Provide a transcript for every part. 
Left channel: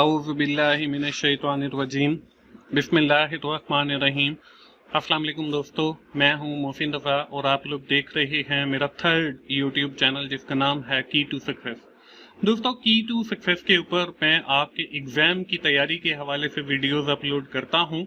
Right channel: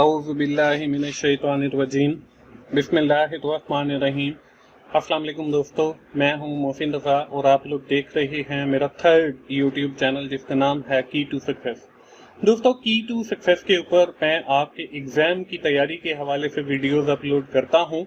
औज़ु बिल्लाहि मिनश्शैतानिर्रजीम बिस्मिल्लाहिर्रहमानिर्रहीम। अस्सलाम वालेकुम दोस्तों, मैं हूं मोहसिन रज़ा और आप लोग देख रहे हैं मेरा थर्ड यूट्यूब चैनल जिसका नाम है की टू सक्सेस। दोस्तों, की टू सक्सेस के ऊपर मैं आपके एग्जाम की तैयारी के हवाले से वीडियोस अपलोड करता हूं,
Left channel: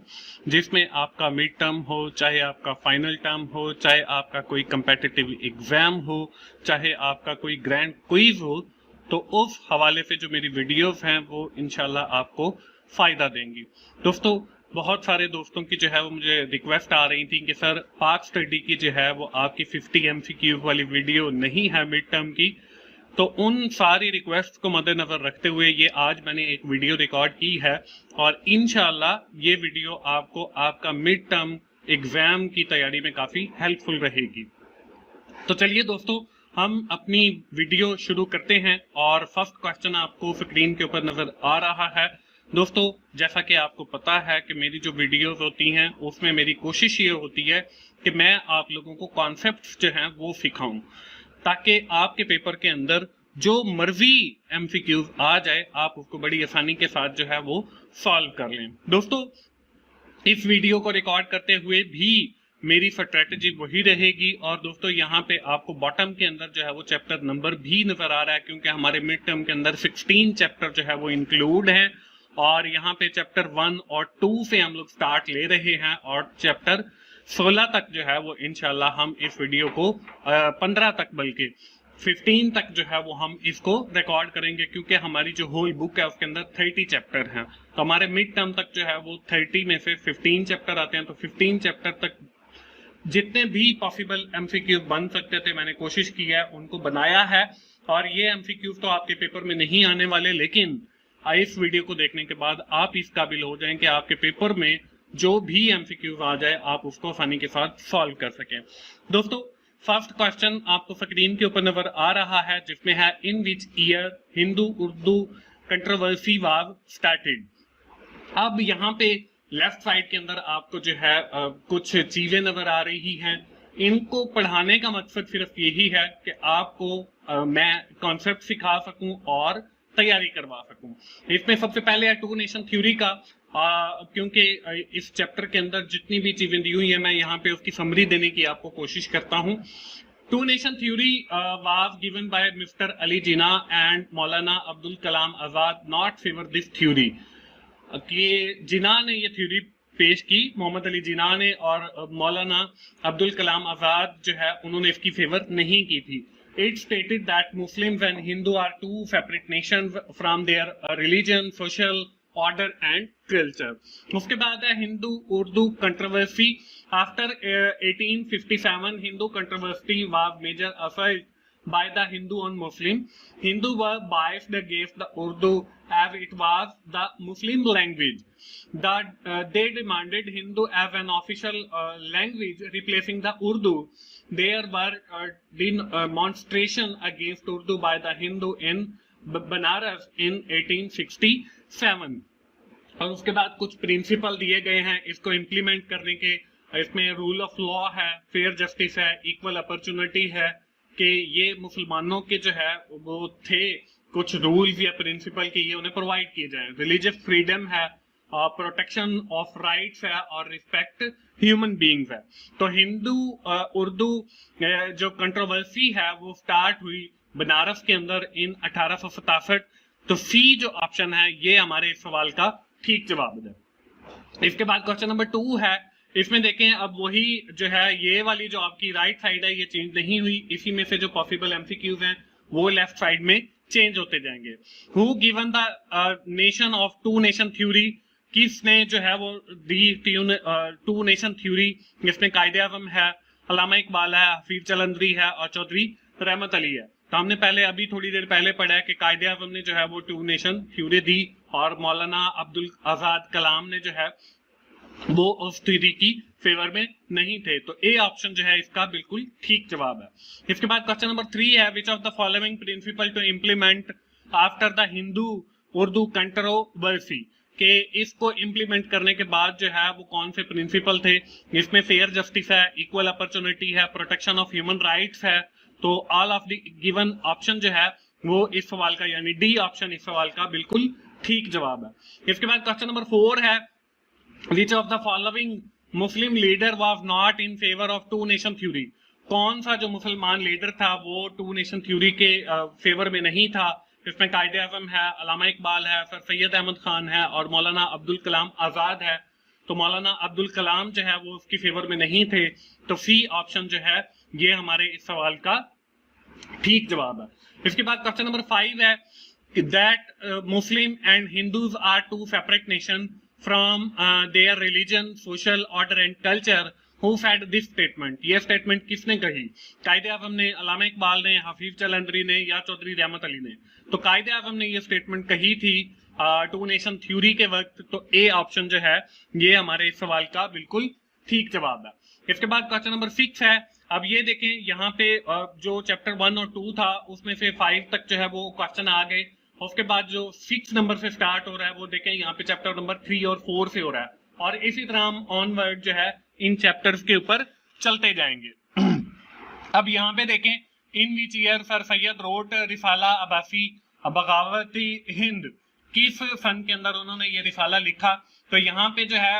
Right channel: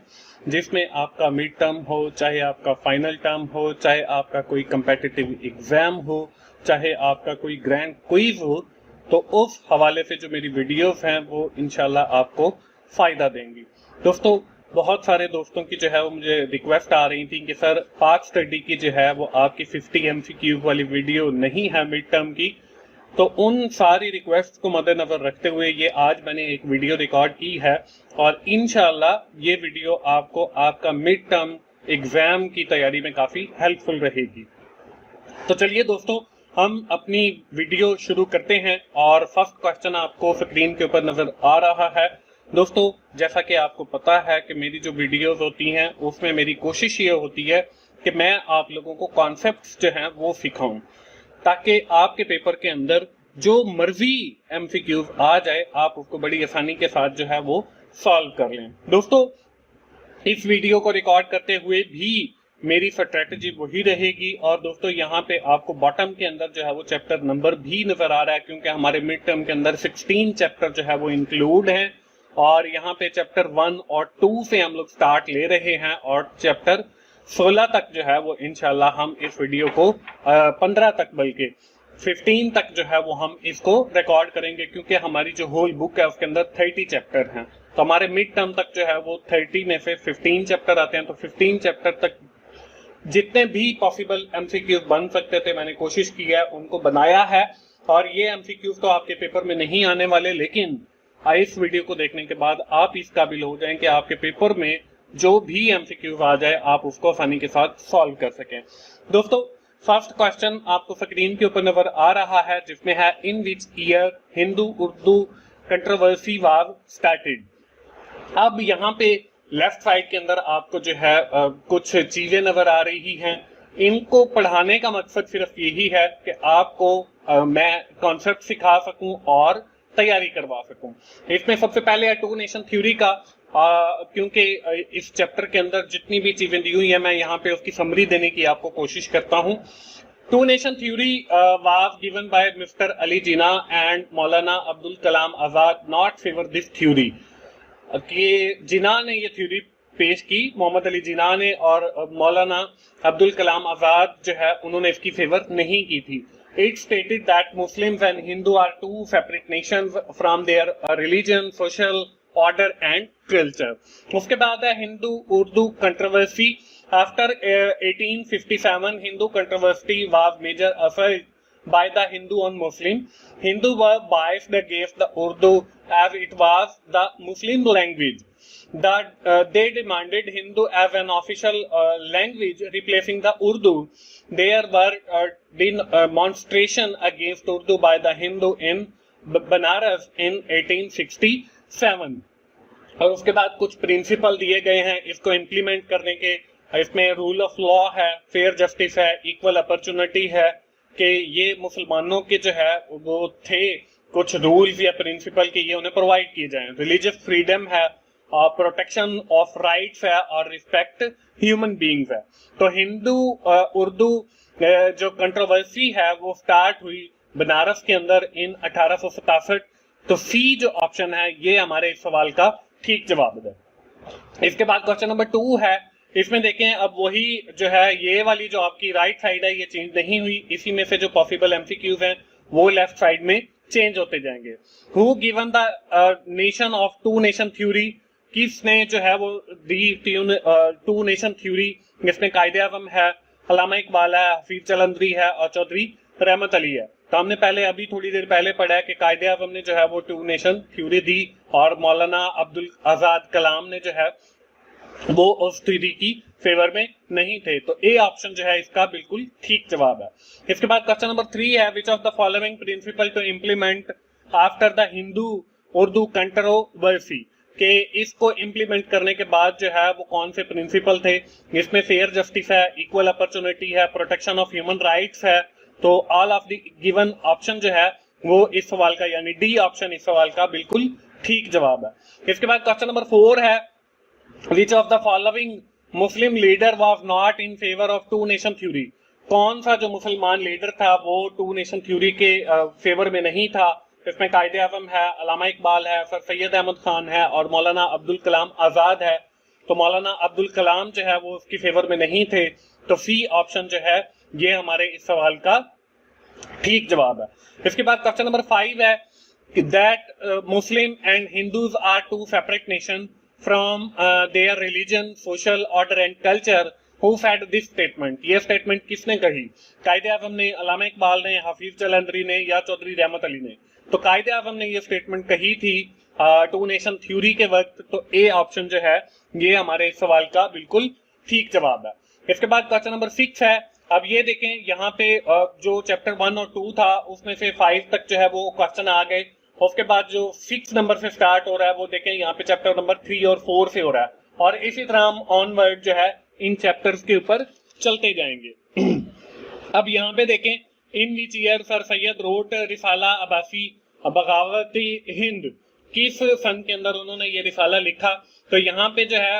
जिसमें आपका मिड टर्म हो, चाहे आपका फाइनल टर्म हो, चाहे आपका कोई कंपेटिटिव एग्जाम हो, चाहे आपका कोई ग्रैंड क्विज हो, तो उस हवाले से जो मेरी वीडियोस हैं वो इंशाल्लाह आपको फायदा देंगी। दोस्तों, बहुत सारे दोस्तों की जो है वो मुझे रिक्वेस्ट आ रही थी कि सर पाक स्टडी की जो है वो आपकी 50 MCQ वाली वीडियो नहीं है मिड टर्म की। तो उन सारी रिक्वेस्ट को मद्देनजर रखते हुए ये आज मैंने एक वीडियो रिकॉर्ड की है और इंशाल्लाह ये वीडियो आपको आपका मिड टर्म एग्जाम की तैयारी में काफी हेल्पफुल रहेगी। तो चलिए दोस्तों, हम अपनी वीडियो शुरू करते हैं और फर्स्ट क्वेश्चन आपको स्क्रीन के ऊपर नजर आ रहा है। दोस्तों, जैसा कि आपको पता है कि मेरी जो वीडियोस होती हैं उसमें मेरी कोशिश ये होती है कि मैं आप लोगों को कॉन्सेप्ट्स जो हैं वो सिखाऊं, ताकि आपके पेपर के अंदर जो मर्जी MCQs आ जाए आप उसको बड़ी आसानी के साथ जो है वो सॉल्व कर लें। दोस्तों, इस वीडियो को रिकॉर्ड करते हुए भी मेरी स्ट्रेटजी वही रहेगी और दोस्तों यहाँ पे आपको बॉटम के अंदर जो है वो चैप्टर नंबर भी नजर आ रहा है, क्योंकि हमारे मिड टर्म के अंदर 16 चैप्टर जो है वो इंक्लूड हैं और यहाँ पे चैप्टर 1 और 2 से हम लोग स्टार्ट ले रहे हैं और चैप्टर 16 तक जो है वो इंशाल्लाह हम इस वीडियो को 15 तक बल्कि 15 तक जो है वो हम इसको रिकॉर्ड करेंगे, क्योंकि हमारी जो होल बुक है उसके अंदर 30 चैप्टर हैं। तो हमारे मिड टर्म तक जो है वो 30 में से 15 चैप्टर आते हैं। तो 15 चैप्टर तक जितने भी पॉसिबल MCQs बन सकते थे मैंने कोशिश की है, उनको बनाया है। और ये MCQs तो आपके पेपर में नहीं आने वाले, लेकिन इस वीडियो को देखने के बाद आप इस काबिल हो जाएं कि आपके पेपर में जो भी MCQs आ जाए आप उसको आसानी के साथ सॉल्व कर सकें। दोस्तों, फर्स्ट क्वेश्चन आपको स्क्रीन के ऊपर नजर आ रहा है, जिसमें है in which year Hindu Urdu controversy was started. अब यहाँ पे लेफ्ट साइड के अंदर आपको जो है कुछ चीजें नजर आ रही हैं। इनको पढ़ाने का मकसद सिर्फ यही है कि आपको मैं कॉन्सेप्ट सिखा सकूं और तैयारी करवा सकूं। इसमें सबसे पहले है टू नेशन थ्योरी का, क्योंकि इस चैप्टर के अंदर जितनी भी चीजें दी हुई है मैं यहाँ पे उसकी समरी देने की आपको कोशिश करता हूँ। Two nation theory was given by mister Ali Jinnah and Maulana Abdul Kalam Azad not favour this theory. कि जिना ने ये थ्योरी पेश की, मोहम्मद अली जिना ने, और मौलाना अब्दुल कलाम आजाद जो है उन्होंने इसकी फेवर नहीं की थी। It stated that Muslims and Hindu are two separate nations from their religion, social order and culture. उसके बाद है Hindu Urdu controversy. After 1857 Hindu controversy was major affect by the Hindu on Muslim. Hindu were biased against the Urdu as it was the Muslim language. They demanded Hindu as an official language, replacing the Urdu. There were demonstration against Urdu by the Hindu in Banaras in 1867. और उसके बाद कुछ principal दिए गए हैं इसको implement करने के। इसमें रूल ऑफ लॉ है, फेयर जस्टिस है, इक्वल अपॉर्चुनिटी है, कि ये मुसलमानों के जो है वो थे कुछ रूल्स या प्रिंसिपल के ये उन्हें प्रोवाइड किए जाएं। रिलीजियस फ्रीडम है, प्रोटेक्शन ऑफ राइट्स है और रिस्पेक्ट ह्यूमन बीइंग्स है। तो हिंदू उर्दू जो कंट्रोवर्सी है वो स्टार्ट हुई बनारस के अंदर इन 1867। तो सी जो ऑप्शन है ये हमारे इस सवाल का ठीक जवाब है। इसके बाद क्वेश्चन नंबर 2 है। इसमें देखें, अब वही जो है ये वाली जो आपकी राइट साइड है ये चेंज नहीं हुई, इसी में से जो पॉसिबल MCQs हैं वो लेफ्ट साइड में चेंज होते जाएंगे। Who given the nation of two nation theory, किसने जो है वो दी टू नेशन थ्योरी। इसमें कायदे आजम है, अल्लामा इकबाल है, हफीज जलंधरी है और चौधरी रहमत अली है। तो हमने पहले अभी थोड़ी देर पहले पढ़ा है कि कायदे आजम ने जो है वो टू नेशन थ्योरी दी और मौलाना अब्दुल आजाद कलाम ने जो है वो उस थ्योरी की फेवर में नहीं थे। तो ए ऑप्शन जो है इसका बिल्कुल ठीक जवाब है। इसके बाद क्वेश्चन नंबर 3 है, which of the following principle to implement after the Hindu Urdu controversy, के इसको इंप्लीमेंट करने के बाद जो है वो कौन से प्रिंसिपल थे। इसमें फेयर जस्टिस है, इक्वल अपॉर्चुनिटी है, प्रोटेक्शन ऑफ ह्यूमन राइट्स है। तो all of the given option जो है वो इस सवाल का यानी डी ऑप्शन इस सवाल का बिल्कुल ठीक जवाब है। इसके बाद क्वेश्चन नंबर 4 है, which of the following Muslim leader was not in favour of two nation theory. कौन सा जो मुसलमान लीडर था वो टू नेशन थ्योरी के फेवर में नहीं था। इसमें कायदे आज़म है, अल्लामा इकबाल है, सर सैयद अहमद खान है और मौलाना अब्दुल कलाम आजाद है। तो मौलाना अब्दुल कलाम जो है वो उसकी फेवर में नहीं थे, तो सी ऑप्शन जो है ये हमारे इस सवाल का ठीक जवाब है। इसके बाद क्वेश्चन नंबर 5 है, that Muslim and Hindus are two separate nations from their religion, social order and culture. Who said this statement? ये स्टेटमेंट किसने कही? कायदे आज़म ने, अल्लामा इकबाल ने, हफीज जलंधरी ने या चौधरी रहमत अली ने? तो कायदे आज़म ने ये स्टेटमेंट कही थी टू नेशन थ्योरी के वक्त। तो ए ऑप्शन जो है ये हमारे इस सवाल का बिल्कुल ठीक जवाब है। इसके बाद क्वेश्चन नंबर 6 है, अब ये देखें यहाँ पे जो चैप्टर 1 और 2 था उसमें से 5 तक जो है वो क्वेश्चन आ गए। उसके बाद जो 6 नंबर से स्टार्ट हो रहा है वो देखें यहाँ पे चैप्टर नंबर 3 और 4 से हो रहा है, और इसी तरह हम ऑनवर्ड जो है इन चैप्टर्स के ऊपर चलते जाएंगे। अब यहाँ पे देखें, in which year Sir Syed wrote रिसाला अब्बासी बगावती हिंद, किस सन के अंदर उन्होंने ये रिसाला लिखा। तो यहाँ पे जो है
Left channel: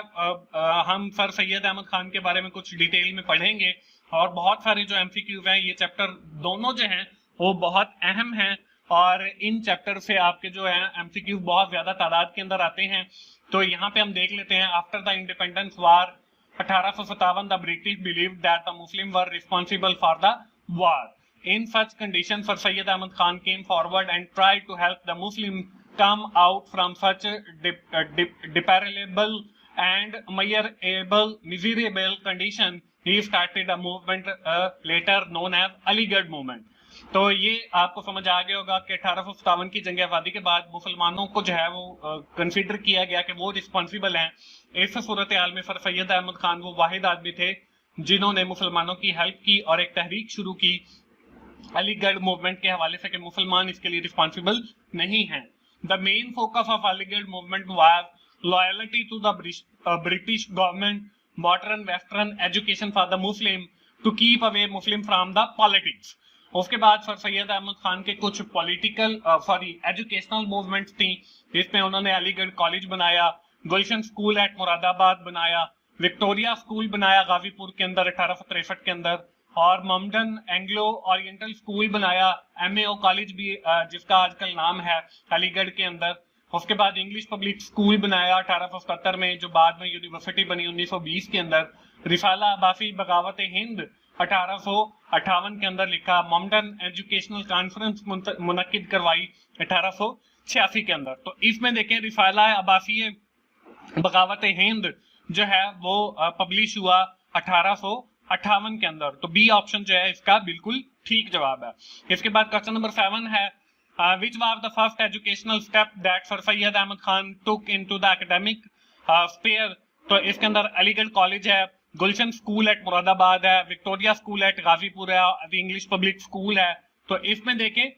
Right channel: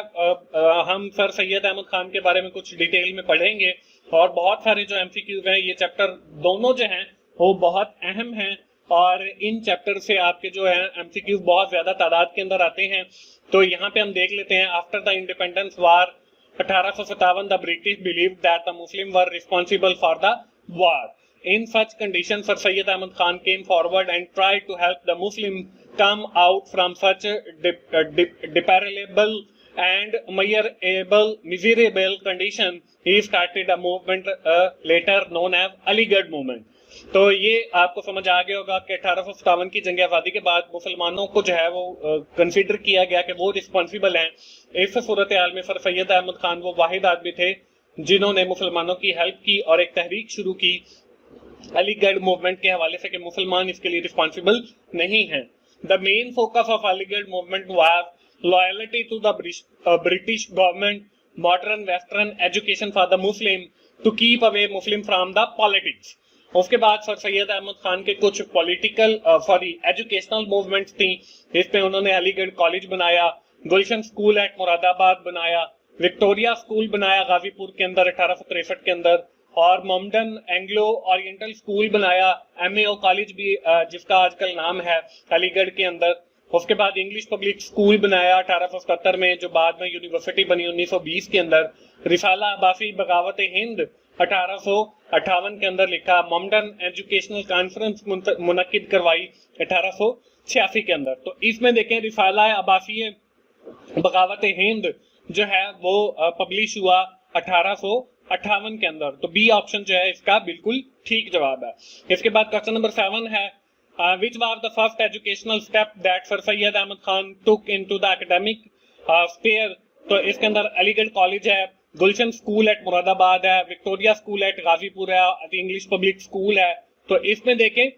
हम सर सैयद अहमद खान के बारे में कुछ डिटेल में पढ़ेंगे, और बहुत सारे जो एमसीक्यूज हैं ये चैप्टर दोनों जो हैं वो बहुत अहम हैं, और इन चैप्टर से आपके जो है एमसीक्यूज बहुत ज्यादा तादाद के अंदर आते हैं। तो यहाँ पे हम देख लेते हैं, after the independence war 1857 the British believed that the Muslim were responsible for the war. In such conditions, Sir Syed Ahmad Khan came forward and tried to help the Muslim come out from such deplorable and miserable condition. He started a movement later known as Aligarh movement. तो ये आपको समझ आ गया होगा कि 1857 की जंग आजादी के बाद मुसलमानों को जो है वो कंसीडर किया गया कि वो रिस्पॉन्सिबल हैं। इस सूरत हाल में सर सैयद अहमद खान वो वाहिद आदमी थे जिन्होंने मुसलमानों की हेल्प की और एक तहरीक शुरू की अलीगढ़ मूवमेंट के हवाले से कि मुसलमान इसके लिए रिस्पॉन्सिबल नहीं हैं। The main focus of Aligarh movement was loyalty to the British government, modern western education for the Muslim to keep away Muslim from the politics. उसके बाद सर सैयद अहमद खान के कुछ पॉलिटिकल एजुकेशनल मूवमेंट्स थी, जिसमें उन्होंने अलीगढ़ कॉलेज बनाया, गुलशन स्कूल एट मुरादाबाद बनाया, Victoria school बनाया गाजीपुर के अंदर 1863 के अंदर, और ममडन एंग्लो ओरिएंटल स्कूल बनाया, एमएओ कॉलेज भी जिसका आजकल नाम है अलीगढ़ के अंदर। उसके बाद इंग्लिश पब्लिक स्कूल बनाया 1877 में, जो बाद में यूनिवर्सिटी बनी 1920 के अंदर। रिसाला अब्बासी बगावत हिंद 1858 के अंदर लिखा। ममडन एजुकेशनल कॉन्फ्रेंस मुनक्किद करवाई 1886 के अंदर। तो इसमें देखें रिसाला अब्बासी बगावत हिंद जो है वो पब्लिश हुआ 1858 के अंदर। तो बी ऑप्शन जो है इसका बिल्कुल ठीक जवाब है। इसके बाद क्वेश्चन नंबर 7 है, which was the first educational step that Sir Syed Ahmad Khan took into the academic sphere। तो इसके अंदर अलीगढ़ कॉलेज है, गुलशन स्कूल एट मुरादाबाद है, विक्टोरिया स्कूल एट गाजीपुर है, इंग्लिश पब्लिक स्कूल है। तो इसमें देखें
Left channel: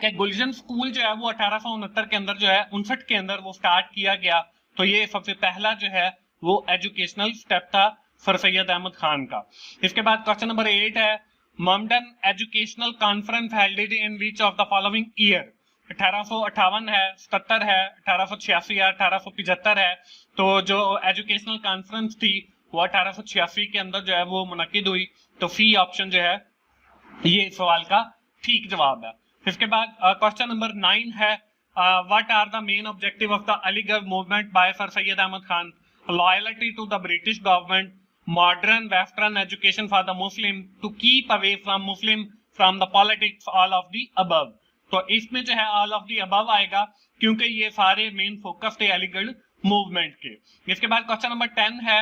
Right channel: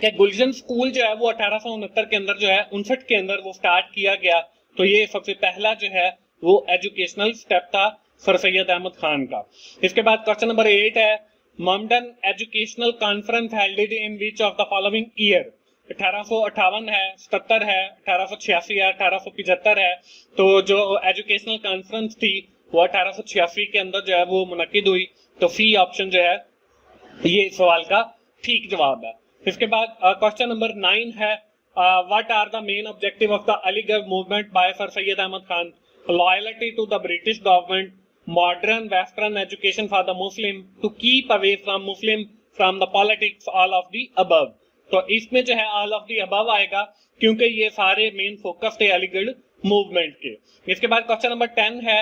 कि गुलशन स्कूल जो है वो 1869 के अंदर जो है 59 के अंदर वो स्टार्ट किया गया। तो ये सबसे पहला जो है वो एजुकेशनल स्टेप था सर सैयद अहमद खान का। इसके बाद क्वेश्चन नंबर 8 है, Mohammedan educational conference helded in which of the following year. 1858 है, 77 है, 1886 है, 1875 है। तो जो एजुकेशनल कॉन्फ्रेंस थी वो 1886 के अंदर जो है वो मुनक्किद हुई। तो सी ऑप्शन जो है ये इस सवाल का ठीक जवाब है। इसके बाद क्वेश्चन नंबर 9 है, what are the main objective of the Aligarh movement by sir Syed Ahmad Khan. Loyalty to the British government, modern western education for the muslim, to keep away from muslim from the politics, all of the above। तो इसमें जो है all of the above आएगा क्योंकि ये सारे main focus थे Aligarh movement के। इसके बाद क्वेश्चन नंबर 10 है,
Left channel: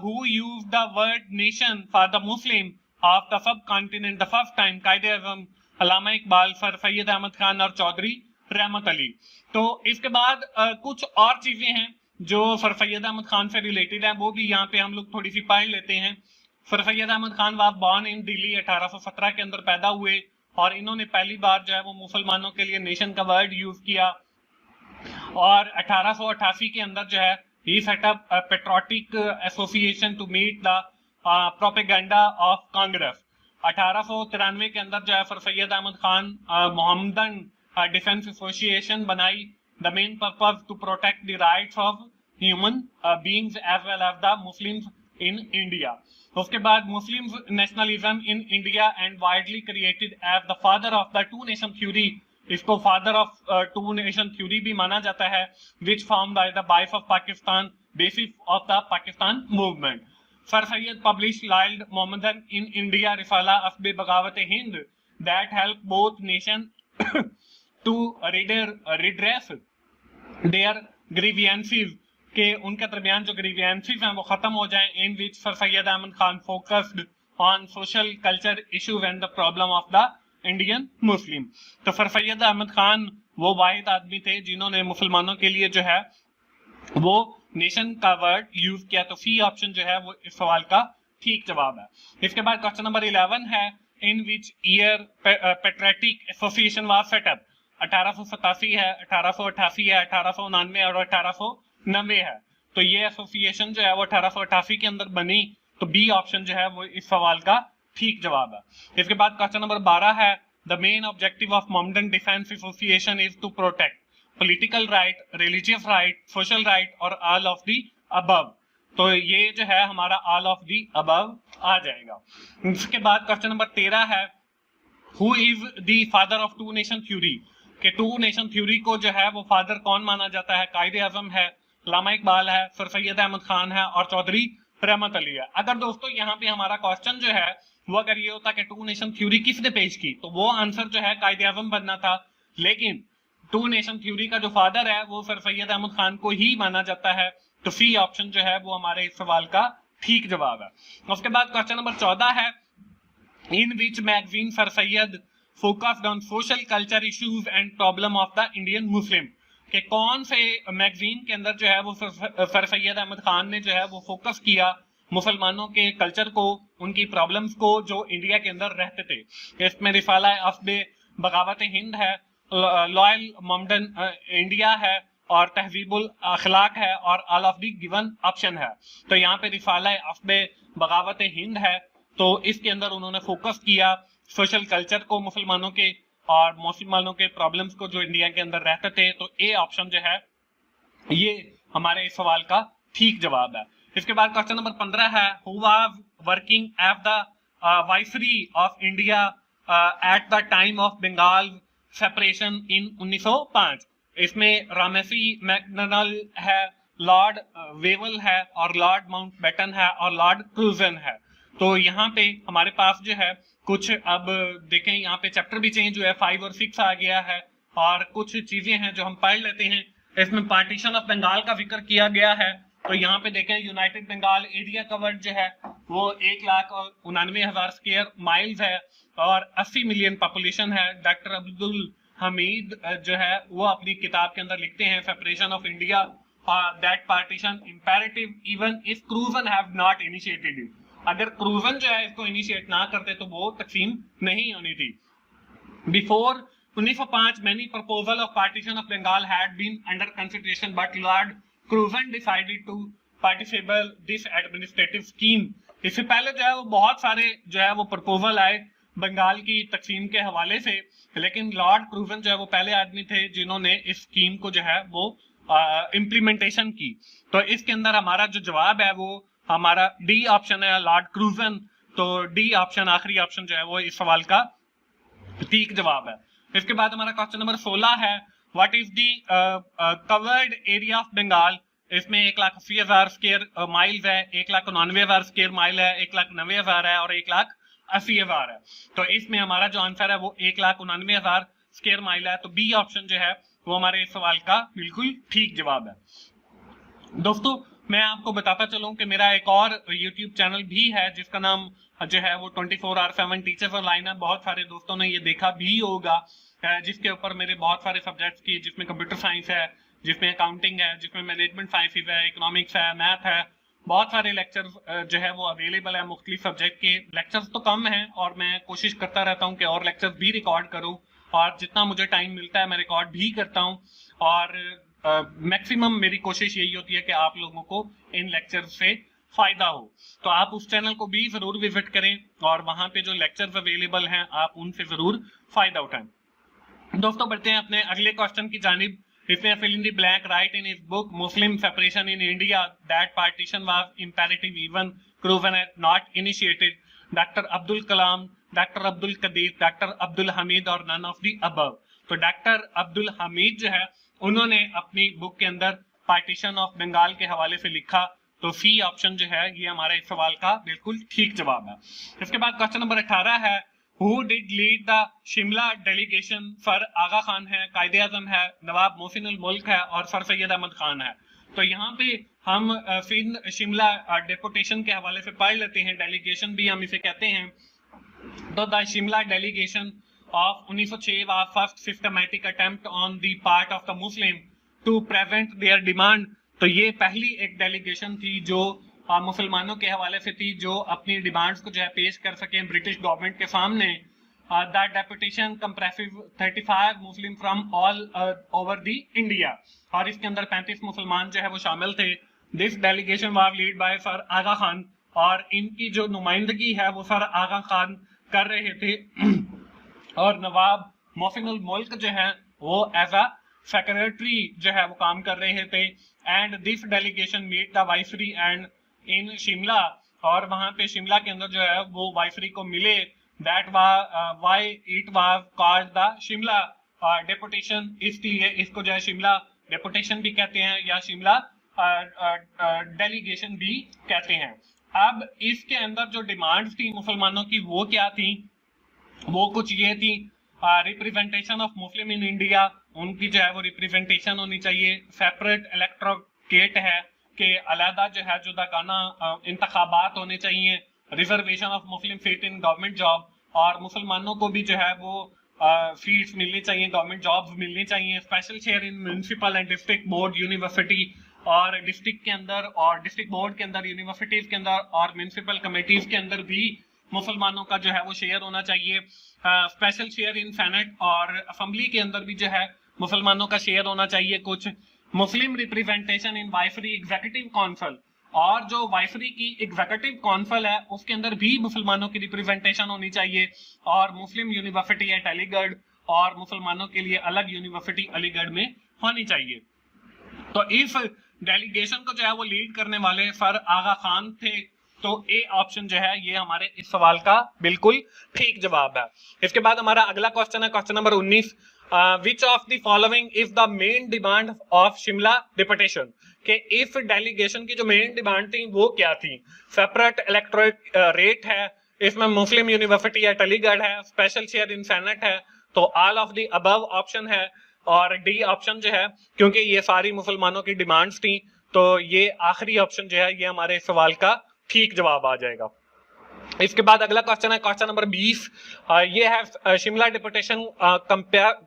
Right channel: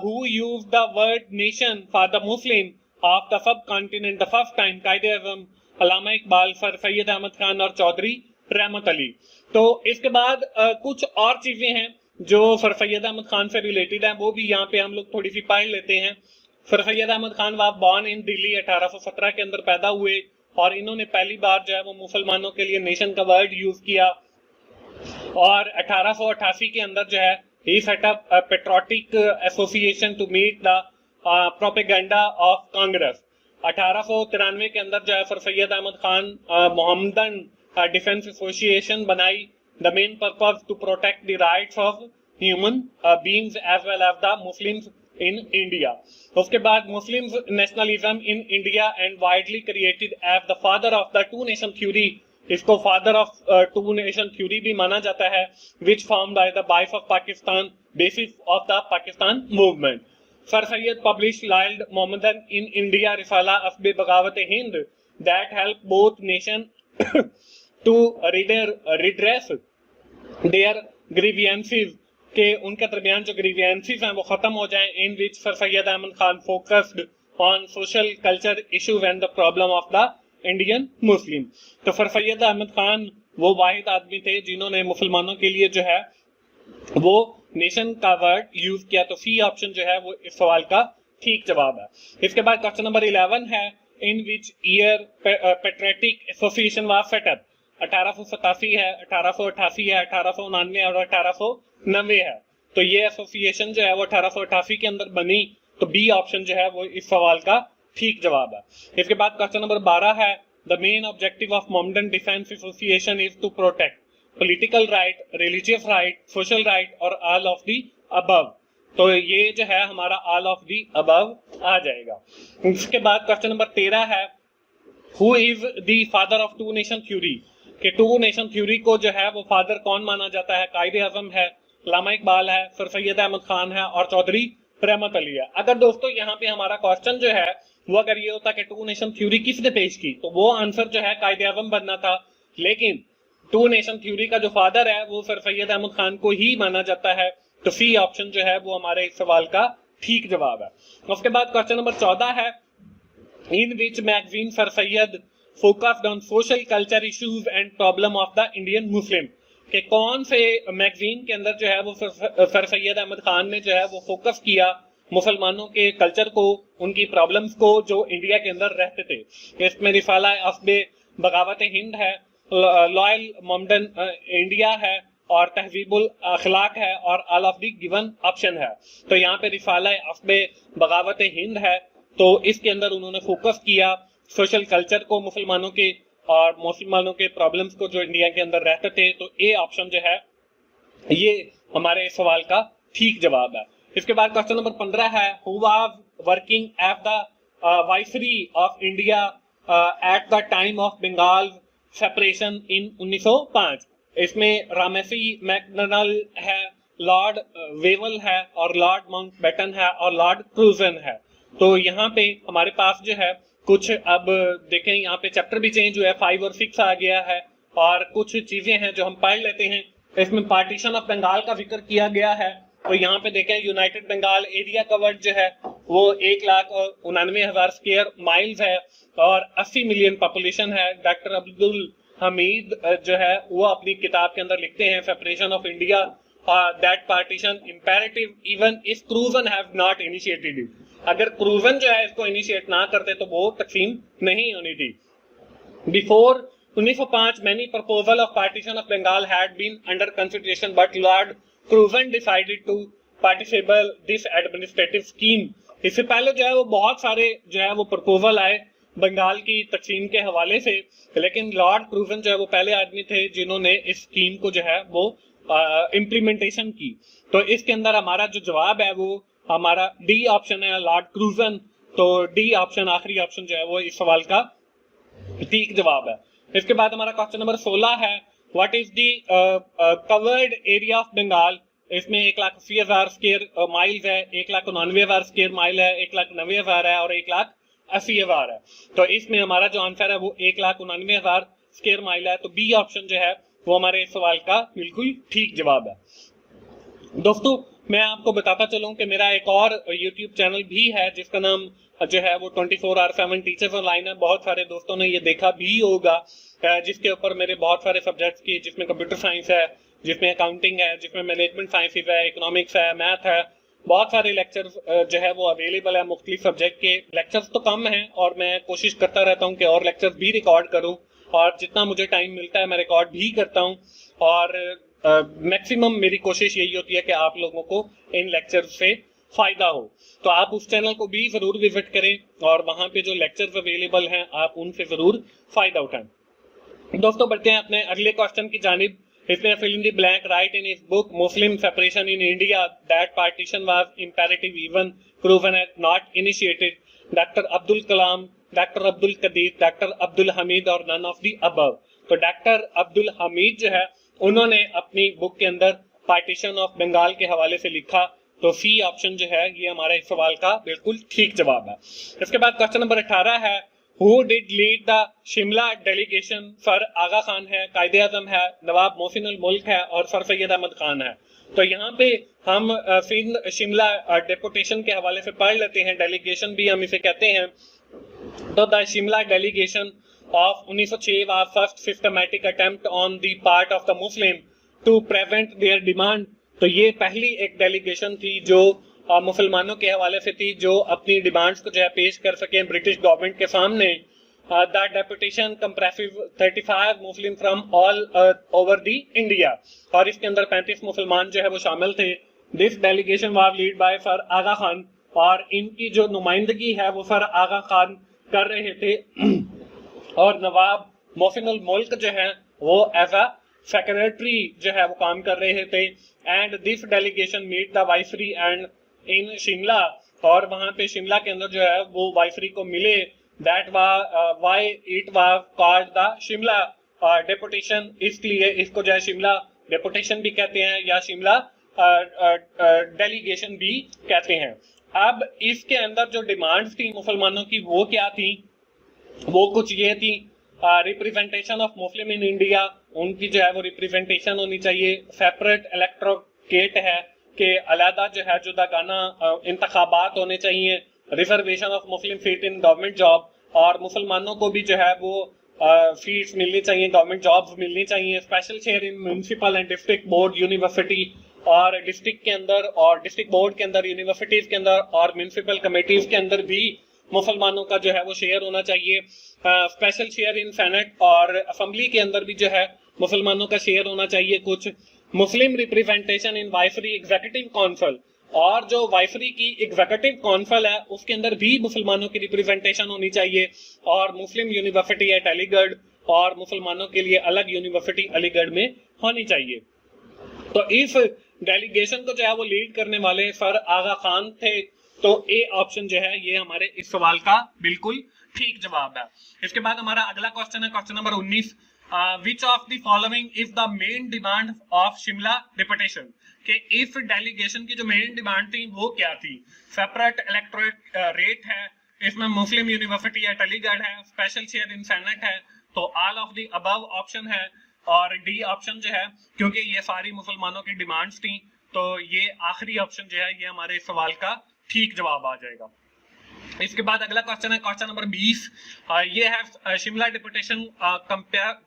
who used the word nation for the muslim of the subcontinent the first time। कायदे आज़म, अल्लामा इकबाल, सर सैयद अहमद खान और चौधरी रहमत अली। तो इसके बाद कुछ और चीजें हैं जो सर सैयद अहमद खान से रिलेटेड है, वो भी यहाँ पे हम लोग थोड़ी सी पढ़ लेते हैं। Sir Syed Ahmad Khan was born in Delhi, 1817 के अंदर पैदा हुए, और इन्होंने पहली बार जो है वो मुसलमानों के लिए नेशन का वर्ड यूज किया। और 1888 के अंदर जो है he set up patriotic association to meet the propaganda of Congress. 1893 के अंदर जो है Sir Syed Ahmad Khan Mohammedan defence association बनाई, the main purpose to protect the rights of human beings as well as the Muslims in India. उसके बाद Muslims nationalism in India and widely credited as the father of the two nation theory. इसको father of two nation theory भी माना जाता है, which formed by the Bife of Pakistan, basis of the Pakistan movement. Sir Syed published Lyle Mohammedan in India Risala Asbe Bagawat-e-Hind that helped both nations to redress their grievances, के उनके दरमियान जो grievances हैं वो खत्म हो जाए. In which Sir Syed Ahmad Khan focused on social culture issues and the problem of the Indian Muslim. तो सर सैयद अहमद खान वो वाहिद आदमी थे जिन्होंने मुसलमानों के लिए जो है वो नेशन का वर्ड यूज किया. तो सी ऑप्शन जो है वो इस सवाल का ठीक जवाब है. इसके बाद क्वेश्चन नंबर 11 है, in which year patriotic association was set up. 1887 है, 1888 है, 1899 और 1890 है. तो ये एसोसिएशन जो है वो 1888 के अंदर बनी. तो बी ऑप्शन जो है वो इस सवाल का ठीक जवाब है. इसके बाद क्वेश्चन नंबर 12 है, the main objective of Mohammedan defence association is to protect political right, religious right, social right और ऑल ऑफ दी अबव. तो ये जो है हमारा ऑल ऑफ दी अबव आ जाएगा. इसके बाद क्वेश्चन नंबर 13 है, who is the father of two nation theory. कि टू नेशन थ्योरी को जो है वो फादर कौन माना जाता है. कायदे आजम है, अल्लामा इकबाल है, सर सैयद अहमद खान है और चौधरी रहमत अली है. अगर दोस्तों यहाँ पे हमारा क्वेश्चन जो है वो अगर ये होता कि टू नेशन थ्योरी किसने पेश की, तो वो आंसर जो है कायदे आजम बनना था. लेकिन टू नेशन थ्योरी का जो फादर है वो सर सैयद अहमद खान को ही माना जाता है. तो सी ऑप्शन जो है वो हमारे इस सवाल का ठीक जवाब है. उसके बाद क्वेश्चन नंबर 14 है, in which magazine Sir Syed focused on social culture issues and problem of the Indian Muslim. कि कौन से मैगजीन के अंदर जो है वो सर सैयद अहमद खान ने जो है वो फोकस किया मुसलमानों के कल्चर को, उनकी प्रॉब्लम्स को जो इंडिया के अंदर रहते थे. इसमें रिसाला अस्बे बगावत हिंद है, लॉयल मोहम्मदन इंडिया है और तहजीबुल अखलाक है और all of the given option है. तो यहाँ पे रिसाला अस्बे बगावत हिंद है. तो इसके अंदर उन्होंने फोकस किया सोशल कल्चर को मुसलमानों के और मुसलमानों के प्रॉब्लम्स को जो इंडिया के अंदर रहते थे. तो ए ऑप्शन जो है ये हमारे इस सवाल का ठीक जवाब है. इसके बाद क्वेश्चन नंबर 15 है, who was working at the viceroy of India at the time of Bengal separation in 1905. इसमें रामेसी मैकडोनल है, लॉर्ड वेवल है और लॉर्ड माउंटबेटन है और लॉर्ड क्रूजन है. तो यहाँ पे हमारे पास जो है कुछ, अब देखें यहाँ पे चैप्टर भी चेंज हुआ है, 5 और 6 आ गया है और कुछ चीजें हैं जो हम पढ़ लेते हैं. इसमें पार्टीशन ऑफ बंगाल का जिक्र किया गया है. तो यहाँ पे देखें यूनाइटेड बंगाल एरिया कवर्ड जो है वो 1,99,000 स्क्वायर माइल्स है और 80 मिलियन पॉपुलेशन है. डॉक्टर अब्दुल हमीद जो है वो अपनी किताब के अंदर लिखते हैं, separation of India that partition imperative even if Curzon have not initiated it. अगर क्रूजन जो है इसको इनिशिएट ना करते तो वो तकसीम नहीं होनी थी. Before 1905 many proposal of partition of Bengal had been under consideration but Lord Curzon decided to participate this administrative scheme. इससे पहले जो है वो बहुत सारे जो है वो प्रपोजल आए बंगाल की तकसीम के हवाले से, लेकिन लॉर्ड क्रूजन जो है वो पहले आदमी थे जिन्होंने इस स्कीम को जो है वो इम्प्लीमेंटेशन की. तो इसके अंदर हमारा जो जवाब है वो हमारा डी ऑप्शन है, लॉर्ड क्रूजन. तो डी ऑप्शन आखिरी ऑप्शन जो है वो इस सवाल का ठीक जवाब है. इसके बाद हमारा क्वेश्चन नंबर 16 है, what is the covered area of Bengal. इसमें 1,80,000 स्क्वायर माइल्स है, 1,99,000 स्क्वायर माइल है, 1,90,000 है और 1,80,000 है. तो इसमें हमारा जो आंसर है वो 1,99,000 स्क्वायर माइल है. तो बी ऑप्शन जो है वो हमारे इस सवाल का बिल्कुल ठीक जवाब है. दोस्तों मैं आपको बताता चलूं कि मेरा एक और YouTube चैनल भी है जिसका नाम जो है वो 24/7 टीचर्स ऑनलाइन है. बहुत सारे दोस्तों ने ये देखा भी होगा, जिसके ऊपर मेरे बहुत सारे सब्जेक्ट्स की, जिसमें कंप्यूटर साइंस है, जिसमें अकाउंटिंग है, जिसमें मैनेजमेंट साइंसेज है, इकोनॉमिक्स है, मैथ है, बहुत सारे लेक्चर्स जो है वो अवेलेबल है. मुख्तलिफ सब्जेक्ट के लेक्चर्स तो कम हैं और मैं कोशिश करता रहता हूँ कि और लेक्चर्स भी रिकॉर्ड करूँ और जितना मुझे टाइम मिलता है मैं रिकॉर्ड भी करता हूँ. और मैक्सिमम मेरी कोशिश यही होती है कि आप लोगों को इन लेक्चर्स से फायदा हो. तो आप उस चैनल को भी जरूर विजिट करें और वहां पे जो लेक्चर्स अवेलेबल हैं आप उनसे जरूर फायदा उठाएं. दोस्तों बढ़ते हैं अपने अगले क्वेश्चन की जानिब. इसने fill in the blank write in his book Muslim Separation in India that partition was imperative even proven as not initiated. Doctor Abdul Kalam, doctor Abdul Qadeer, doctor Abdul Hameed और नन ऑफ दी अबव। तो डॉक्टर अब्दुल हमीद जो है उन्होंने अपनी बुक के अंदर पार्टीशन ऑफ बंगाल के हवाले से लिखा। तो सी ऑप्शन जो है ये हमारे इस सवाल का बिल्कुल ठीक जवाब है। इसके बाद क्वेश्चन नंबर 18 है, who did lead the Shimla delegation? Sir Aga Khan है, कायदे आजम है, नवाब मोहसिन उल मुल्क है और सर सैयद अहमद खान है। तो यहाँ पे हम फिर शिमला डेपुटेशन के हवाले से पढ़ लेते हैं, डेलीगेशन भी हम इसे कहते हैं। तो the Shimla delegation of 1906 was first systematic attempt on the part of the Muslim to prevent their demand। तो ये पहली एक डेलीगेशन थी जो मुसलमानों के हवाले से थी, जो अपनी डिमांड्स को जो है पेश कर सके ब्रिटिश गवर्नमेंट के सामने। The deputation compressive 35 Muslim from all over the India, और इसके अंदर 35 मुसलमान जो है वो शामिल थे। This delegation was lead by Sir Aga Khan, और इनकी जो नुमाइंदगी है वो सर आगा खान कर रहे थे। और नवाब मोहसिन उल मुल्क जो है वो एज अ सेक्रेटरी जो है वो काम कर रहे थे। And this delegation meet the viceroy and in Shimla, और वहां पे शिमला के अंदर जो है वो वाइसरी को मिले। That why it was called the Shimla deputation, इसलिए इसको जो है शिमला डेपुटेशन भी कहते हैं या शिमला डेलीगेशन भी कहते हैं। अब इसके अंदर जो डिमांड्स थी मुसलमानों की वो क्या थी? वो कुछ ये थी, representation of Muslim in India, उनकी जो है वो रिप्रेजेंटेशन होनी चाहिए। सेपरेट इलेक्टोरेट है कि अलहदा जो है जुदागाना इंतखाबात होने चाहिए। Reservation of Muslim seat in government job, और मुसलमानों को भी जो है वो सीट्स मिलनी चाहिए, गवर्नमेंट जॉब्स मिलनी चाहिए। Special share in municipal and district board university, और डिस्ट्रिक्ट के अंदर और डिस्ट्रिक्ट बोर्ड के अंदर, यूनिवर्सिटीज के अंदर और म्युनिसिपल कमेटीज के अंदर भी मुसलमानों का जो है वो शेयर होना चाहिए। स्पेशल शेयर इन सेनेट और असेंबली के अंदर भी जो है मुसलमानों का शेयर होना चाहिए कुछ। Muslim representation in viceroy executive council, और जो वाइसरी की एग्जीक्यूटिव काउंसिल है उसके अंदर भी मुसलमानों की रिप्रेजेंटेशन होनी चाहिए। और मुस्लिम यूनिवर्सिटी एट अलीगढ़, और मुसलमानों के लिए अलग यूनिवर्सिटी अलीगढ़ में होनी चाहिए। तो इस डेलीगेशन को जो है वो लीड करने वाले सर आगा खान थे। तो ए ऑप्शन जो है ये हमारे इस सवाल का बिल्कुल ठीक जवाब है। इसके बाद हमारा अगला क्वेश्चन है question number 19, which of the following is the main demand of Shimla deputation? कि इस डेलीगेशन की जो मेन डिमांड थी वो क्या थी? सेपरेट इलेक्टोरेट रेट है, इसमें मुस्लिम यूनिवर्सिटी एट अलीगढ़ है, स्पेशल शेयर इन सेनेट है। तो all of the above option है, और डी ऑप्शन जो है क्योंकि ये सारी मुसलमानों की डिमांड्स थी तो ये आखिरी ऑप्शन जो है ये हमारे सवाल का ठीक जवाब आ जाएगा। इसके बाद अगला क्वेश्चन है क्वेश्चन नंबर 20, ये है Shimla deputation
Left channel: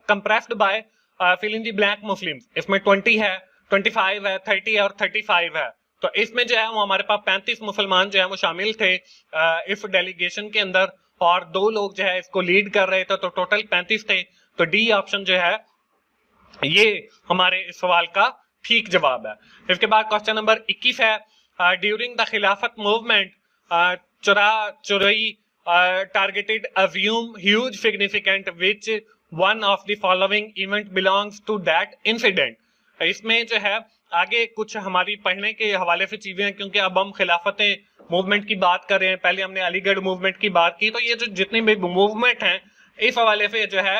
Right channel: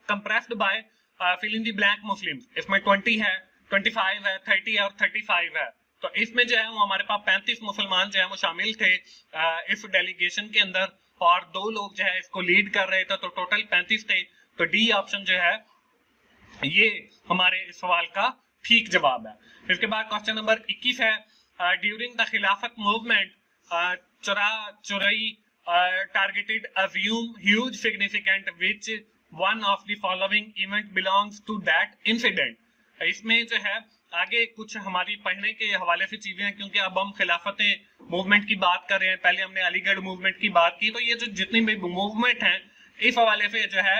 compressed by fill in the blank Muslims. इसमें 20 है, 25 है, 30 है और 35 है। तो इसमें जो है वो हमारे पास 35 मुसलमान जो है वो शामिल थे इस डेलीगेशन के अंदर, और 2 लोग जो है इसको लीड कर रहे थे, तो टोटल 35 थे। तो डी ऑप्शन जो है ये हमारे इस सवाल का ठीक जवाब है। इसके बाद क्वेश्चन नंबर 21 है, ड्यूरिंग द खिलाफत मूवमेंट चुराई targeted assume huge significant which one of the following event belongs to that incident। इसमें जो है आगे कुछ हमारी पढ़ने के हवाले से चीजें हैं, क्योंकि अब हम खिलाफत मूवमेंट की बात कर रहे हैं, पहले हमने अलीगढ़ मूवमेंट की बात की। तो ये जो जितनी भी मूवमेंट हैं इस हवाले से जो है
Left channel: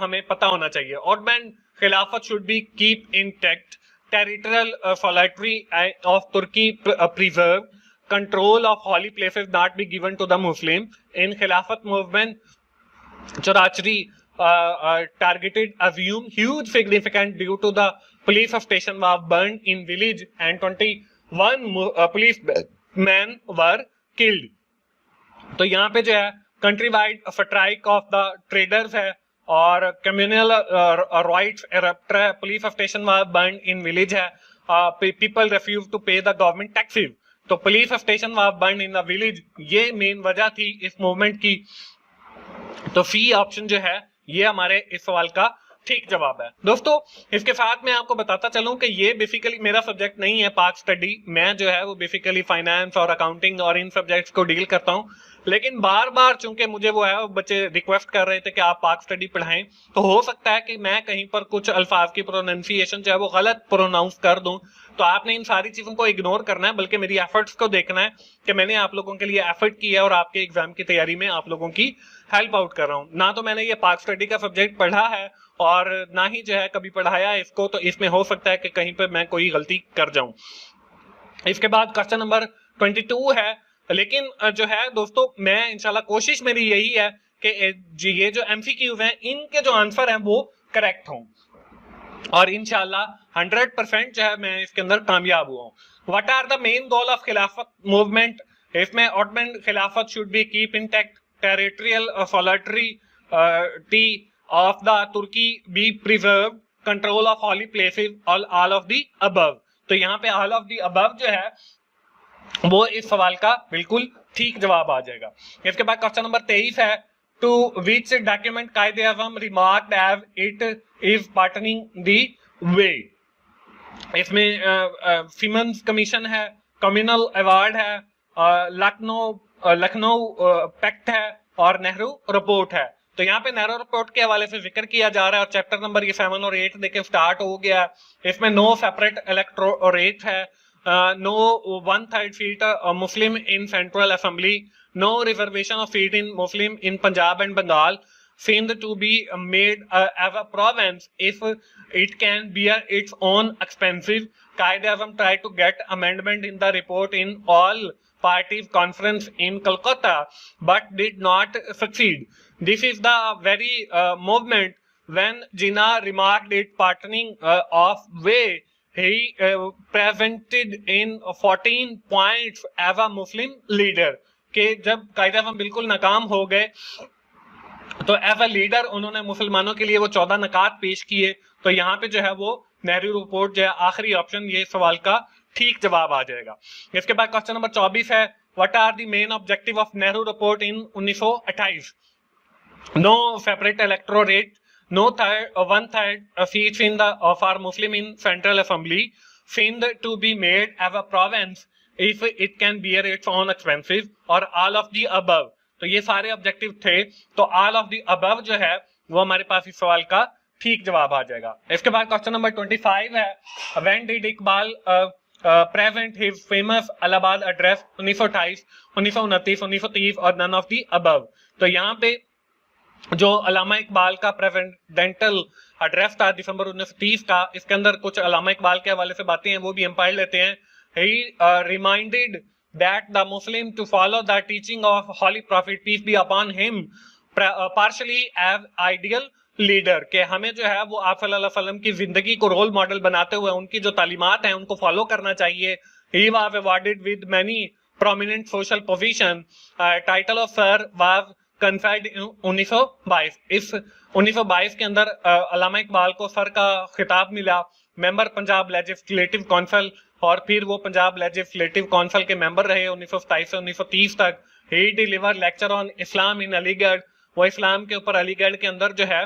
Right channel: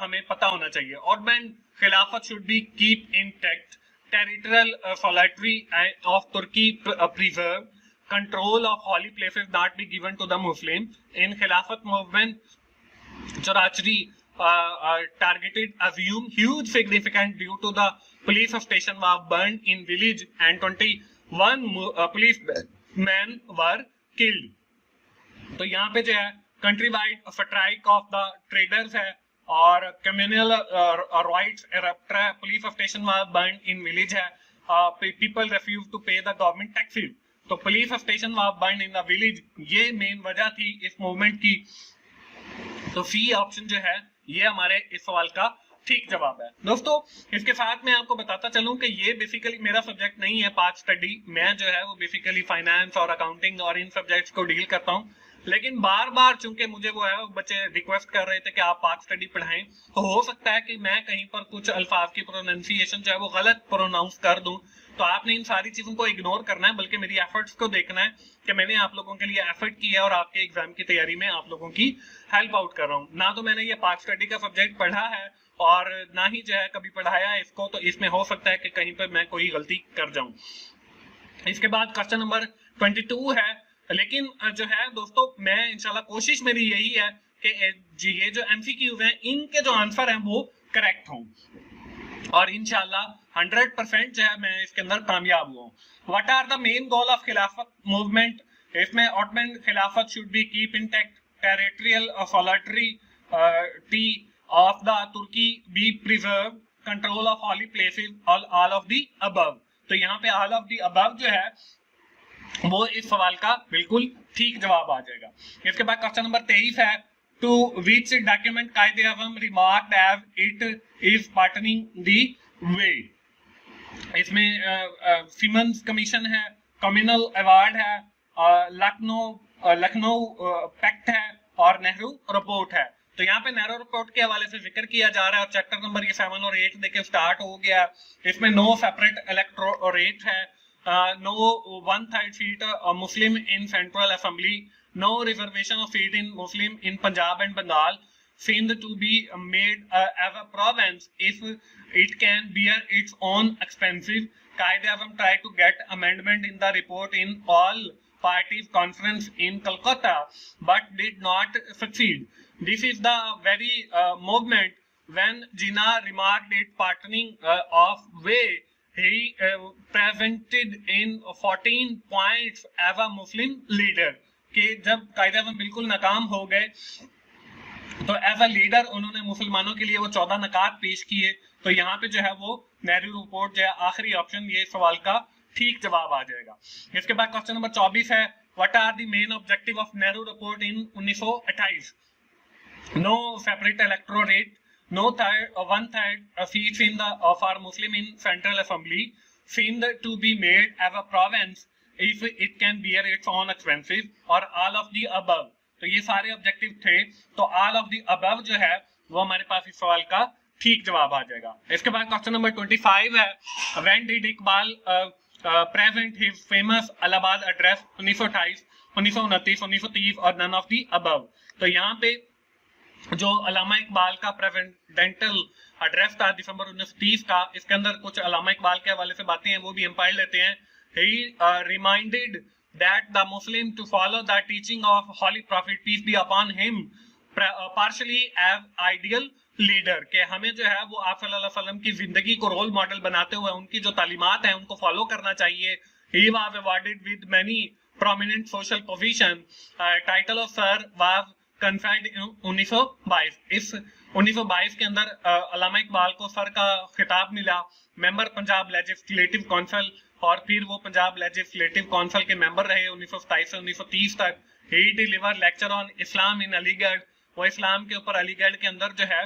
हमें पता होना चाहिए। और man Khilafat should be keep intact, territorial solitary of Turkey preserve, control of holy places not be given to the Muslim। In Khilafat movement Chorachri targeted assume huge significance due to the police station was burned in village and 21 policemen were killed। तो यहाँ पे जो है country wide strike off the traders है, और communal riots erupt है, police station was burn in village है, people refuse to पे द गवर्नमेंट टैक्सेस। तो police station was burn in the village, ये मेन वजह थी इस मूवमेंट की। तो सी ऑप्शन जो है ये हमारे इस सवाल का ठीक जवाब है। दोस्तों इसके साथ मैं आपको बताता चलूं कि ये बेसिकली मेरा सब्जेक्ट नहीं है पाक स्टडी, मैं जो है वो बेसिकली फाइनेंस और अकाउंटिंग और इन सब्जेक्ट्स को डील करता हूं। लेकिन बार बार चूंकि मुझे वो है वो बच्चे रिक्वेस्ट कर रहे थे कि आप पाक स्टडी पढ़ाएं, तो हो सकता है कि मैं कहीं पर कुछ अल्फाज की प्रोनाउंसिएशन जो है वो गलत प्रोनाउंस कर दूं। तो आपने इन सारी चीजों को इग्नोर करना है, बल्कि मेरी एफर्ट्स को देखना है कि मैंने आप लोगों के लिए एफर्ट किया है और आपके एग्जाम की तैयारी में आप लोगों की हेल्प आउट कर रहा हूँ। ना तो मैंने ये पाक स्टडी का सब्जेक्ट पढ़ा है और ना ही जो है कभी पढ़ाया है इसको, तो इसमें हो सकता है कि कहीं पर मैं कोई गलती कर जाऊं। इसके बाद क्वेश्चन नंबर 22 है, लेकिन जो है दोस्तों मैं इंशाल्लाह कोशिश मेरी यही है कि ये जो एमसीक्यूज हैं इनके जो आंसर हैं वो करेक्ट हों और इंशाल्लाह 100% जो है मैं इसके अंदर कामयाब हुआ हूँ। What are the main goal of Khilafat movement? इसमें Ottoman Khilafat should be keep intact, territorial solidarity of the Turkey be preserve, control of holy places, all of the above. तो यहाँ पे ऑल ऑफ द अबव जो है वो इस सवाल का बिल्कुल ठीक जवाब आ जाएगा। इसके बाद क्वेश्चन नंबर 23 है, to which document Quaid-e Azam remarked as it is parting the way? इसमें सिमन्स कमीशन है, कम्युनल अवार्ड है, लखनऊ पैक्ट है और नेहरू रिपोर्ट है। तो यहाँ पे नेहरू रिपोर्ट के हवाले से जिक्र किया जा रहा है और चैप्टर नंबर ये 7 और 8 देखें स्टार्ट हो गया। इसमें नो सेपरेट इलेक्टोरेट है, no 1/3 seat Muslim in Central Assembly, no reservation of seat in Muslim in Punjab and Bengal, seemed to be made as a province if it can bear its own expenses. Qaid-e-Azam tried to get amendment in the report in all parties conference in Calcutta, but did not succeed. This is the very movement when Jinnah remarked it partnering of way. He presented in 14 points as a Muslim leader कि जब कायदा-ए-आज़म बिल्कुल नाकाम हो गए तो as a leader उन्होंने मुसलमानों के लिए वो 14 नकात पेश किए। तो यहाँ पे जो है वो नेहरू रिपोर्ट जो है आखिरी ऑप्शन ये सवाल का ठीक जवाब आ जाएगा। इसके बाद क्वेश्चन नंबर 24 है, what are the main objective of Nehru report in 1928? No separate electorate, no 1/3 seats in the of our Muslim in Central Assembly, seemed to be made as a province if it can bear its own expenses, और all of the above। तो ये सारे objective थे, तो all of the above जो है वो हमारे पास इस सवाल का ठीक जवाब आ जाएगा। इसके बाद क्वेश्चन नंबर 25 है, when did Iqbal present his famous Allahabad address? 1928, 1929, 1930 और none of the above। तो यहाँ पे जो अल्लामा इकबाल का प्रेसिडेंटल एड्रेस था दिसंबर 1930 का, इसके अंदर कुछ अल्लामा इकबाल के हवाले से बातें हैं वो भी हम पढ़ लेते हैं। He reminded that the Muslim to follow the teaching of Holy Prophet peace be upon him partially as ideal leader, के हमें जो है वो आप सल्लल्लाहु अलैहि वसल्लम की जिंदगी को रोल मॉडल बनाते हुए उनकी जो तालीमात हैं उनको फॉलो करना चाहिए। He was awarded with many prominent social position. Title of sir was conferred 1922। इस 1922 के अंदर अल्लामा इकबाल को सर का खिताब मिला, मेंबर पंजाब लेजिस्लेटिव काउंसिल, और फिर वो पंजाब लेजिस्लेटिव काउंसिल के मेंबर रहे 1927 से 1930 तक। ही डिलीवर लेक्चर ऑन इस्लाम इन अलीगढ़, वो इस्लाम के ऊपर अलीगढ़ के अंदर जो है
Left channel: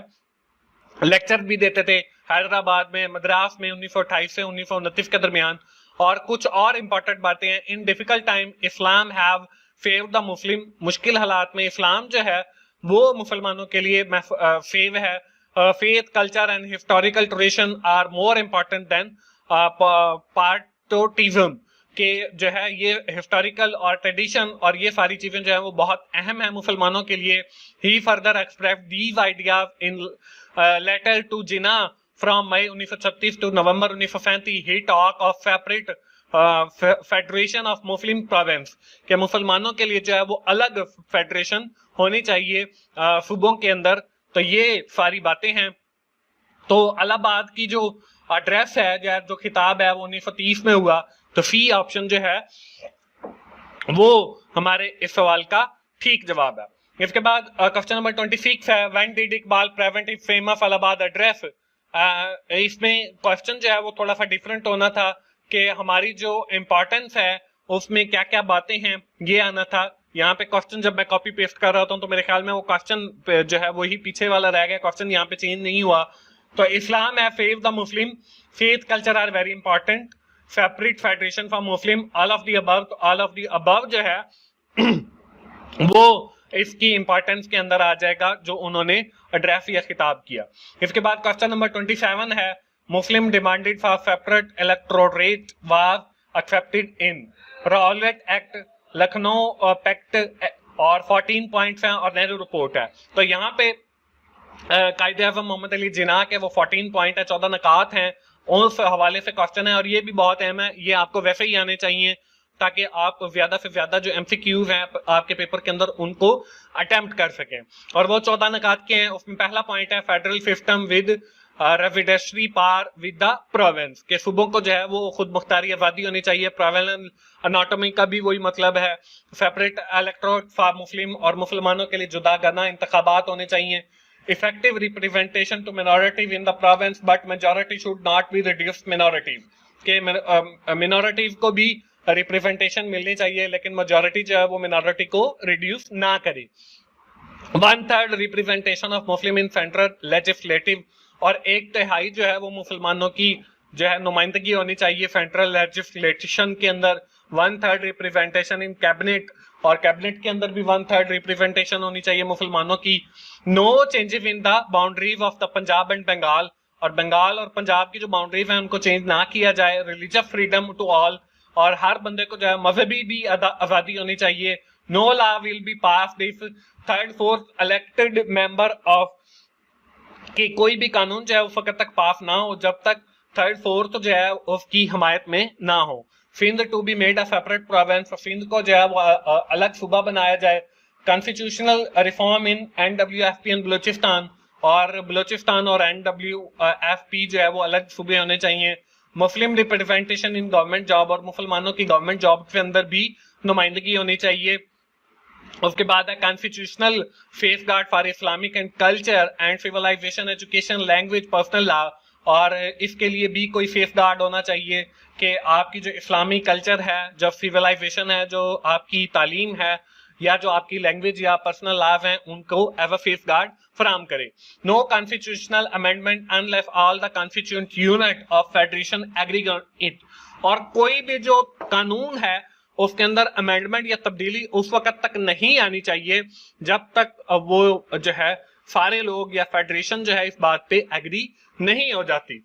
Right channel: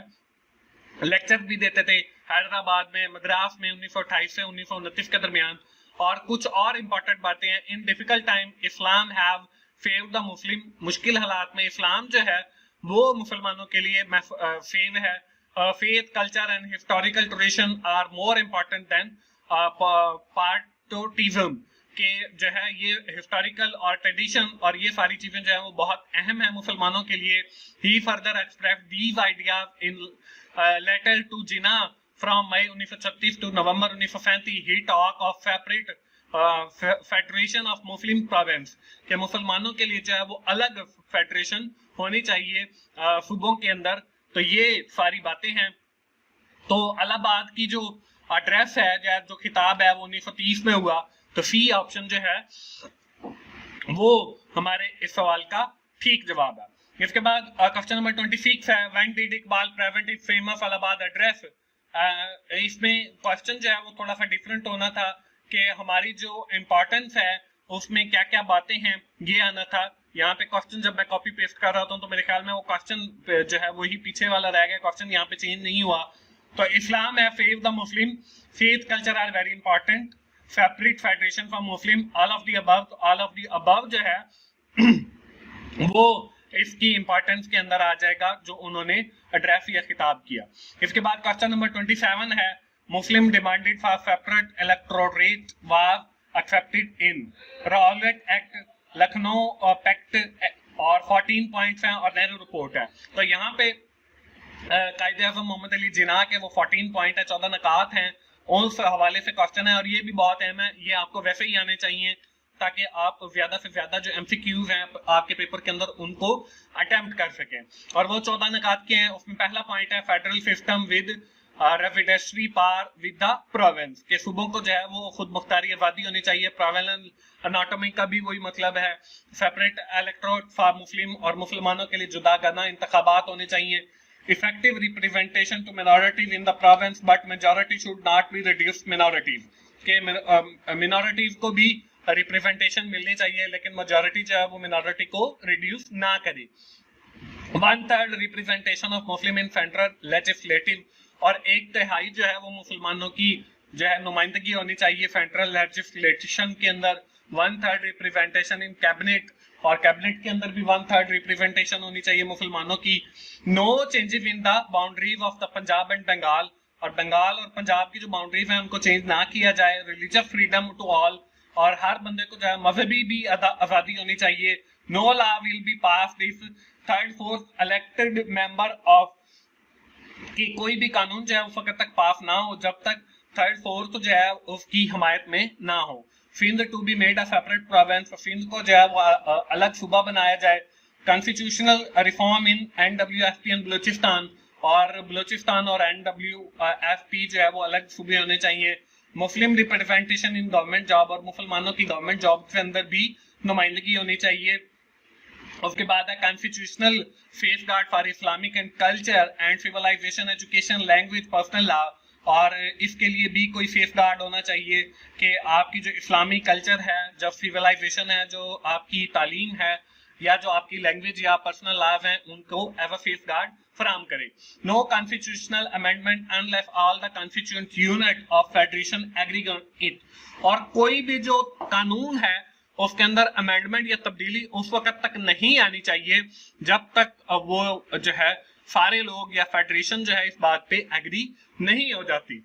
लेक्चर भी देते थे, हैदराबाद में, मद्रास में 1928 से 1929 के दरमियान। और कुछ और इंपॉर्टेंट बातें हैं, in difficult time Islam have fave the Muslim, मुश्किल हालात में इस्लाम जो है वो मुसलमानों के लिए फेव है। Faith, culture and historical tradition are more important than patriotism, के जो है ये हिस्टोरिकल और ट्रेडिशन और ये सारी चीजें जो है वो बहुत अहम है मुसलमानों के लिए। He further express these ideas in letter to Jinnah from May 1936 to November 1937। He talk of separate federation of Muslim province, के मुसलमानों के लिए जो है वो अलग फेडरेशन होनी चाहिए सूबों के अंदर। तो ये सारी बातें हैं। तो इलाहाबाद की जो एड्रेस है या जो खिताब है वो 1930 में हुआ, तो सी ऑप्शन जो है वो हमारे इस सवाल का ठीक जवाब है। इसके बाद क्वेश्चन नंबर 26 है, when did Iqbal present his famous Allahabad address? इसमें क्वेश्चन जो है वो थोड़ा सा डिफरेंट होना था कि हमारी जो इम्पोर्टेंस है उसमें क्या क्या बातें हैं ये आना था। यहाँ पे क्वेश्चन जब मैं कॉपी पेस्ट कर रहा था तो मेरे ख्याल में वो क्वेश्चन जो है वही पीछे वाला रह गया, क्वेश्चन यहाँ पे चेंज नहीं हुआ। तो इस्लाम है fave the Muslim, faith culture are very important, separate federation for Muslim, all of the above. तो ऑल ऑफ द अबव जो है वो इसकी इंपॉर्टेंस के अंदर आ जाएगा जो उन्होंने ड्राफ्ट या खिताब किया। इसके बाद क्वेश्चन नंबर 27 है, Muslim demanded for separate electorate was accepted in Rowlatt act, Lucknow pact और 14 पॉइंट्स हैं और नेहरू रिपोर्ट है। तो यहाँ पे कायदे आज़म मोहम्मद अली जिन्ना के वो 14 पॉइंट है, 14 नकात हैं, उस हवाले से क्वेश्चन है और ये भी बहुत अहम है, ये आपको वैसे ही आने चाहिए ताकि आप ज्यादा से ज्यादा जो एमसीक्यूज हैं आपके पेपर के अंदर उनको अटेम्प्ट कर सकें। और वो 14 नकात के हैं, उसमें पहला पॉइंट है federal system with residency par with the province, के सूबों को जो है वो खुद मुख्तारी आबादी होनी चाहिए। प्रोविंस अनाटॉमी का भी वही मतलब है, सेपरेट इलेक्टोरेट फॉर मुस्लिम और मुसलमानों के लिए जुदा करना इंतखाबात होने चाहिए। Effective representation to minorities in the province but majority should not be reduced minorities, के मिनॉरिटीज को भी रिप्रेजेंटेशन मिलनी चाहिए लेकिन मेजॉरिटी जो है वो मिनॉरिटी को रिड्यूस ना करे। 1/3 representation of Muslim in central legislative, और 1/3 जो है वो मुसलमानों की जो है नुमाइंदगी होनी चाहिए सेंट्रल लेजिस्लेशन के अंदर। 1/3 रिप्रेजेंटेशन इन कैबिनेट, और कैबिनेट के अंदर भी 1/3 रिप्रेजेंटेशन होनी चाहिए मुसलमानों की। No changes in the boundaries of the Punjab and Bengal, और बंगाल और पंजाब की जो बाउंड्रीज हैं उनको चेंज ना किया जाए। रिलीजियस फ्रीडम टू ऑल, और हर बंदे को जो है मजहबी भी आजादी होनी चाहिए। No law will be pass this 3rd 4th elected member of, कि कोई भी कानून जो है उस वक्त तक पास ना हो जब तक 3rd 4th जो है उसकी हमायत में ना हो। Sindh to be made a separate province, Sindh को जो है वो अलग सूबा बनाया जाए। Constitutional reform in NWFP and Balochistan, और बलूचिस्तान और NWFP जो है वो अलग सूबे होने चाहिए। मुस्लिम रिप्रेजेंटेशन इन गवर्नमेंट जॉब, और मुसलमानों की गवर्नमेंट जॉब के अंदर भी नुमाइंदगी होनी चाहिए। उसके बाद है constitutional safeguard for Islamic and culture and civilisation education language personal law, और इसके लिए भी कोई सेफगार्ड होना चाहिए कि आपकी जो इस्लामी कल्चर है, जो सिविलाइजेशन है, जो आपकी तालीम है, या जो आपकी लैंग्वेज या पर्सनल लॉज हैं उनको एज अ सेफगार्ड फराहम करे। No constitutional amendment unless all the constituent unit of federation agree on it, और कोई भी जो कानून है उसके अंदर अमेंडमेंट या तब्दीली उस वक्त तक नहीं आनी चाहिए जब तक वो जो है सारे लोग या फेडरेशन जो है इस बात पे एग्री नहीं हो जाती।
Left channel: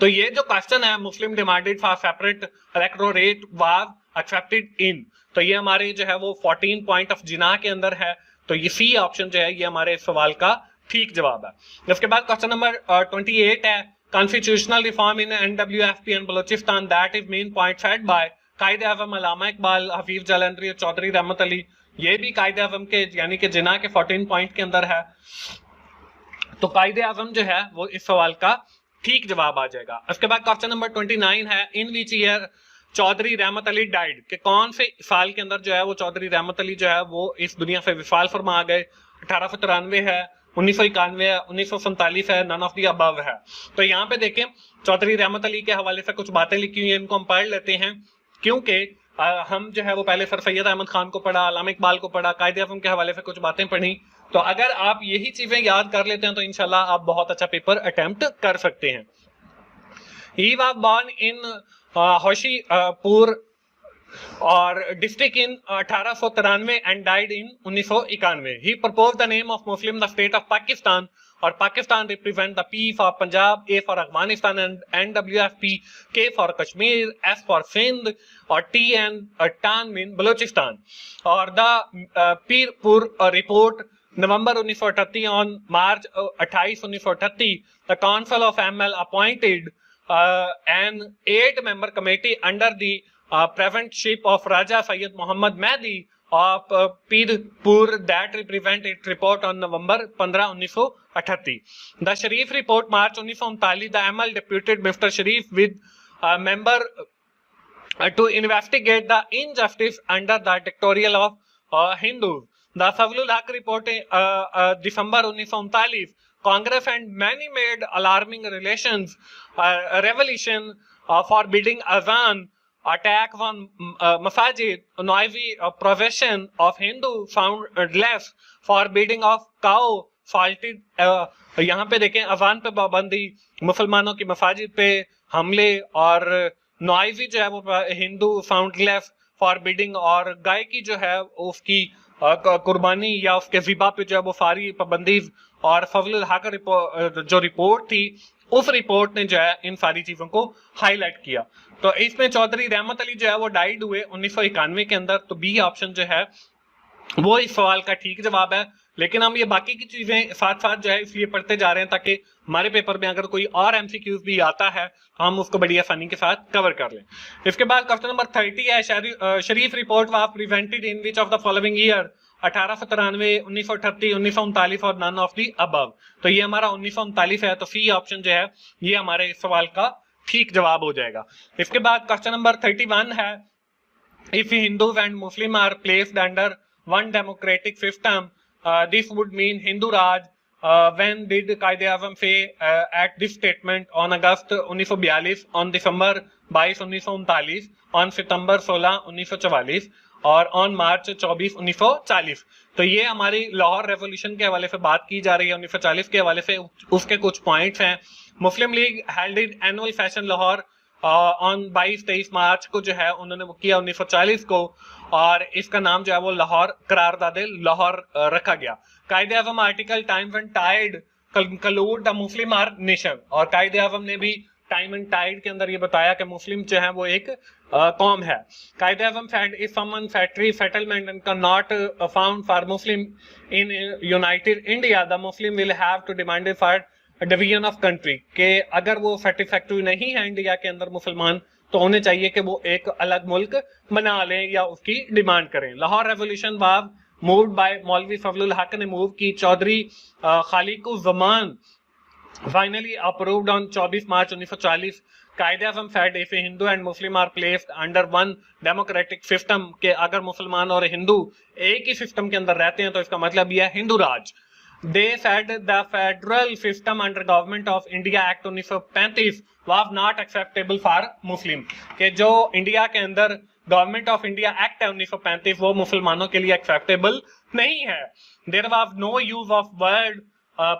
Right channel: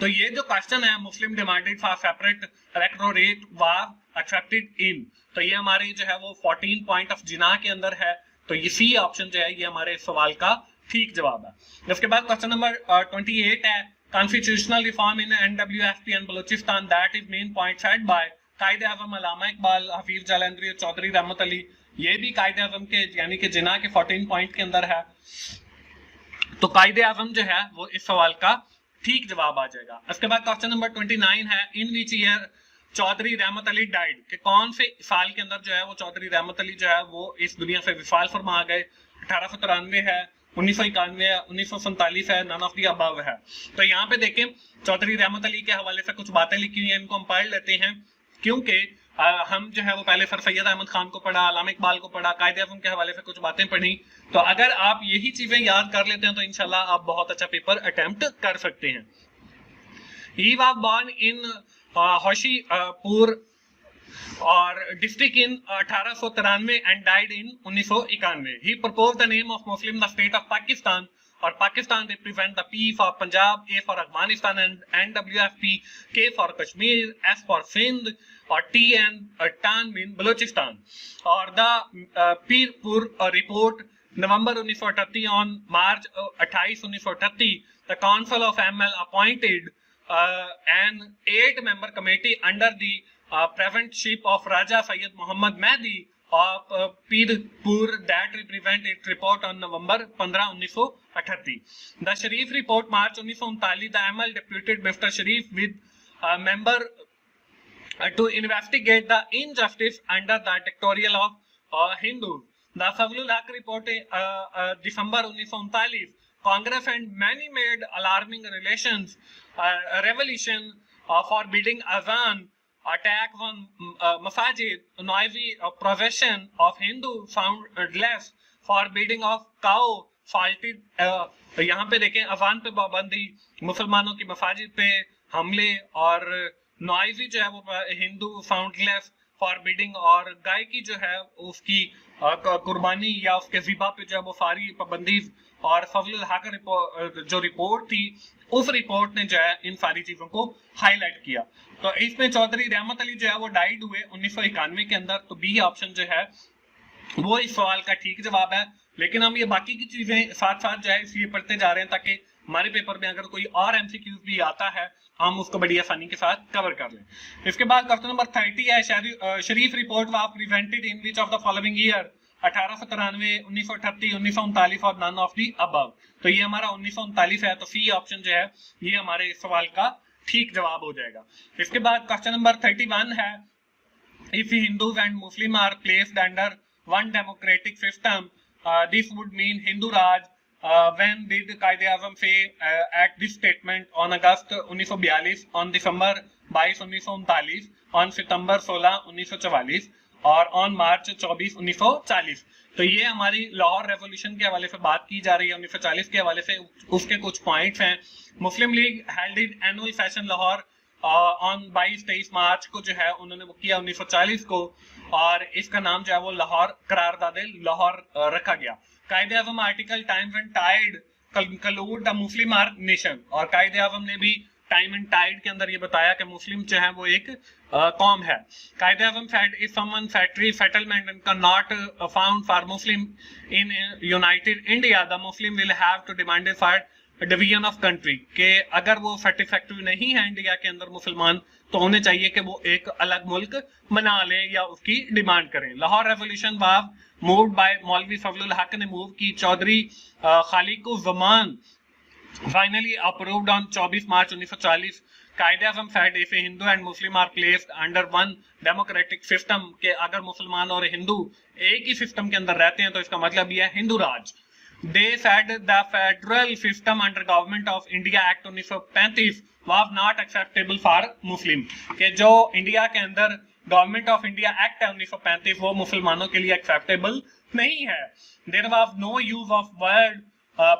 तो ये जो क्वेश्चन है, Muslim demanded for separate electorate was accepted in, तो ये हमारे जो है वो 14 पॉइंट ऑफ जिना के अंदर है। तो ये सी ऑप्शन जो है ये हमारे सवाल का ठीक जवाब है। इसके बाद क्वेश्चन नंबर 28 है, constitutional reform in NWFP and Balochistan that is main point set by Quaid-e Azam अल्लामा इकबाल, हफीज जालंधरी और चौधरी रहमत अली। ये भी कायदे आज़म के यानी कि जिना के 14 पॉइंट के अंदर है। तो कायदे आज़म जो है वो इस सवाल का ठीक जवाब आ जाएगा। उसके बाद क्वेश्चन नंबर 29 है, in which year Chaudhary Rahmat Ali died, के कौन से साल के अंदर जो है वो चौधरी रहमत अली जो है वो इस दुनिया से विशाल फरमा गए। 1893 है, 1991 है, 1947 है, नन ऑफ द अबव है। तो यहाँ पे देखें चौधरी रहमत अली के हवाले से कुछ बातें लिखी हुई है, इनको हम पढ़ लेते हैं क्योंकि हम जो है वो पहले सर सैयद अहमद खान को पढ़ा, अल्लामा इकबाल को पढ़ा, कायदे आज़म के हवाले से कुछ बातें पढ़ी। तो अगर आप यही चीजें याद कर लेते हैं तो इंशाल्लाह आप बहुत अच्छा पेपर अटेम्प्ट कर सकते हैं। He was born in होशीपुर और district in 1893 and died in 1991। He proposed the name of Muslim the state of Pakistan, और Pakistan represent the P for Punjab, A for Afghanistan and NWFP, K for Kashmir, S for Sindh और T and tan mean Balochistan. और the Pirpur report November 1938 on March 28 1938 the council of ML appointed an 8-member committee under the presidentship of Raja Sayyid Muhammad Mehdi of Pirpur that represent its report on November 15 1938. The Sharif report March 1939 the ML deputed Mr. Sharif with a member to investigate the injustice under the dictatorial of Hindus. The Fazlul Haq report December 1939 Congress and many made alarming revelation forbidding azan, attack on masajid, noisy profession of Hindu found less, forbidding of cow, faulted यहाँ पे देखें अजान पे पाबंदी, मुसलमानों की मसाजिद पे हमले, और नॉइजी जो है वो हिंदू फाउंड लेस, फॉरबिडिंग, और गाय की जो है उसकी कुर्बानी या उसके ज़िबा पे जो है वो सारी पाबंदी और फजलुल हक जो रिपोर्ट थी, उस रिपोर्ट ने जो है इन सारी चीजों को हाईलाइट किया। तो इसमें चौधरी रहमत अली जो है वो डाइड हुए 1991 के अंदर। तो बी ऑप्शन जो है वो इस सवाल का ठीक जवाब है। लेकिन हम ये बाकी की चीजें साथ साथ जो है इसलिए पढ़ते जा रहे हैं ताकि हमारे पेपर में अगर कोई और एमसीक्यूज भी आता है तो हम उसको बड़ी आसानी के साथ कवर कर लें। इसके बाद क्वेश्चन नंबर 30 है, Sharif report was presented in which of the following year, 1893, 1938, 1939 और नन ऑफ द अबव। तो ये हमारा 1939 है, तो सी ऑप्शन जो है ये हमारे इस सवाल का ठीक जवाब हो जाएगा। इसके बाद क्वेश्चन नंबर 31 है, if Hindus and Muslim are placed under one democratic system, this would mean Hindu Raj. When did Quaid-e-Azam say at this statement? On August 1942, on December 22, 1939, on September 16, 1944 और ऑन मार्च 24, 1940। तो ये हमारी Lahore revolution के हवाले से बात की जा रही है 1940 के हवाले से। उसके कुछ पॉइंट्स हैं। Muslim league held it annual session Lahore on 22-23 March को जो है उन्होंने वो किया 1940 को, और इसका नाम जो है वो लाहौर करारदादे लाहौर रखा गया। Quaid-e Azam article time and tide conclude the Muslim are nation, और कायदे आज़म ने भी टाइम एंड टाइड के अंदर ये बताया कि मुस्लिम जो है वो एक कौम है। कायदे आज़म said if someone factory settlement and cannot found for Muslim in United India, the Muslim will have to demand for division of country, के अगर वो फैक्ट्री नहीं है इंडिया के अंदर मुसलमान तो उन्हें चाहिए कि वो एक अलग मुल्क बना लें या उसकी डिमांड करें। Lahore revolution was moved bye मौलवी फजलुल हक ने मूव की। चौधरी खालिकुज़्ज़मान फाइनली अप्रूव्ड ऑन 24 मार्च 1940। कायदे आज़म said if Hindu and Muslim are placed under one democratic system, के अगर मुसलमान और हिंदू एक ही सिस्टम के अंदर रहते हैं तो इसका मतलब यह है हिंदू राज। They said the federal system under government of India Act 1935 was not acceptable for Muslim, के जो इंडिया के अंदर गवर्नमेंट ऑफ इंडिया एक्ट है 1935 वो मुसलमानों के लिए एक्सेप्टेबल नहीं है। There was no use of word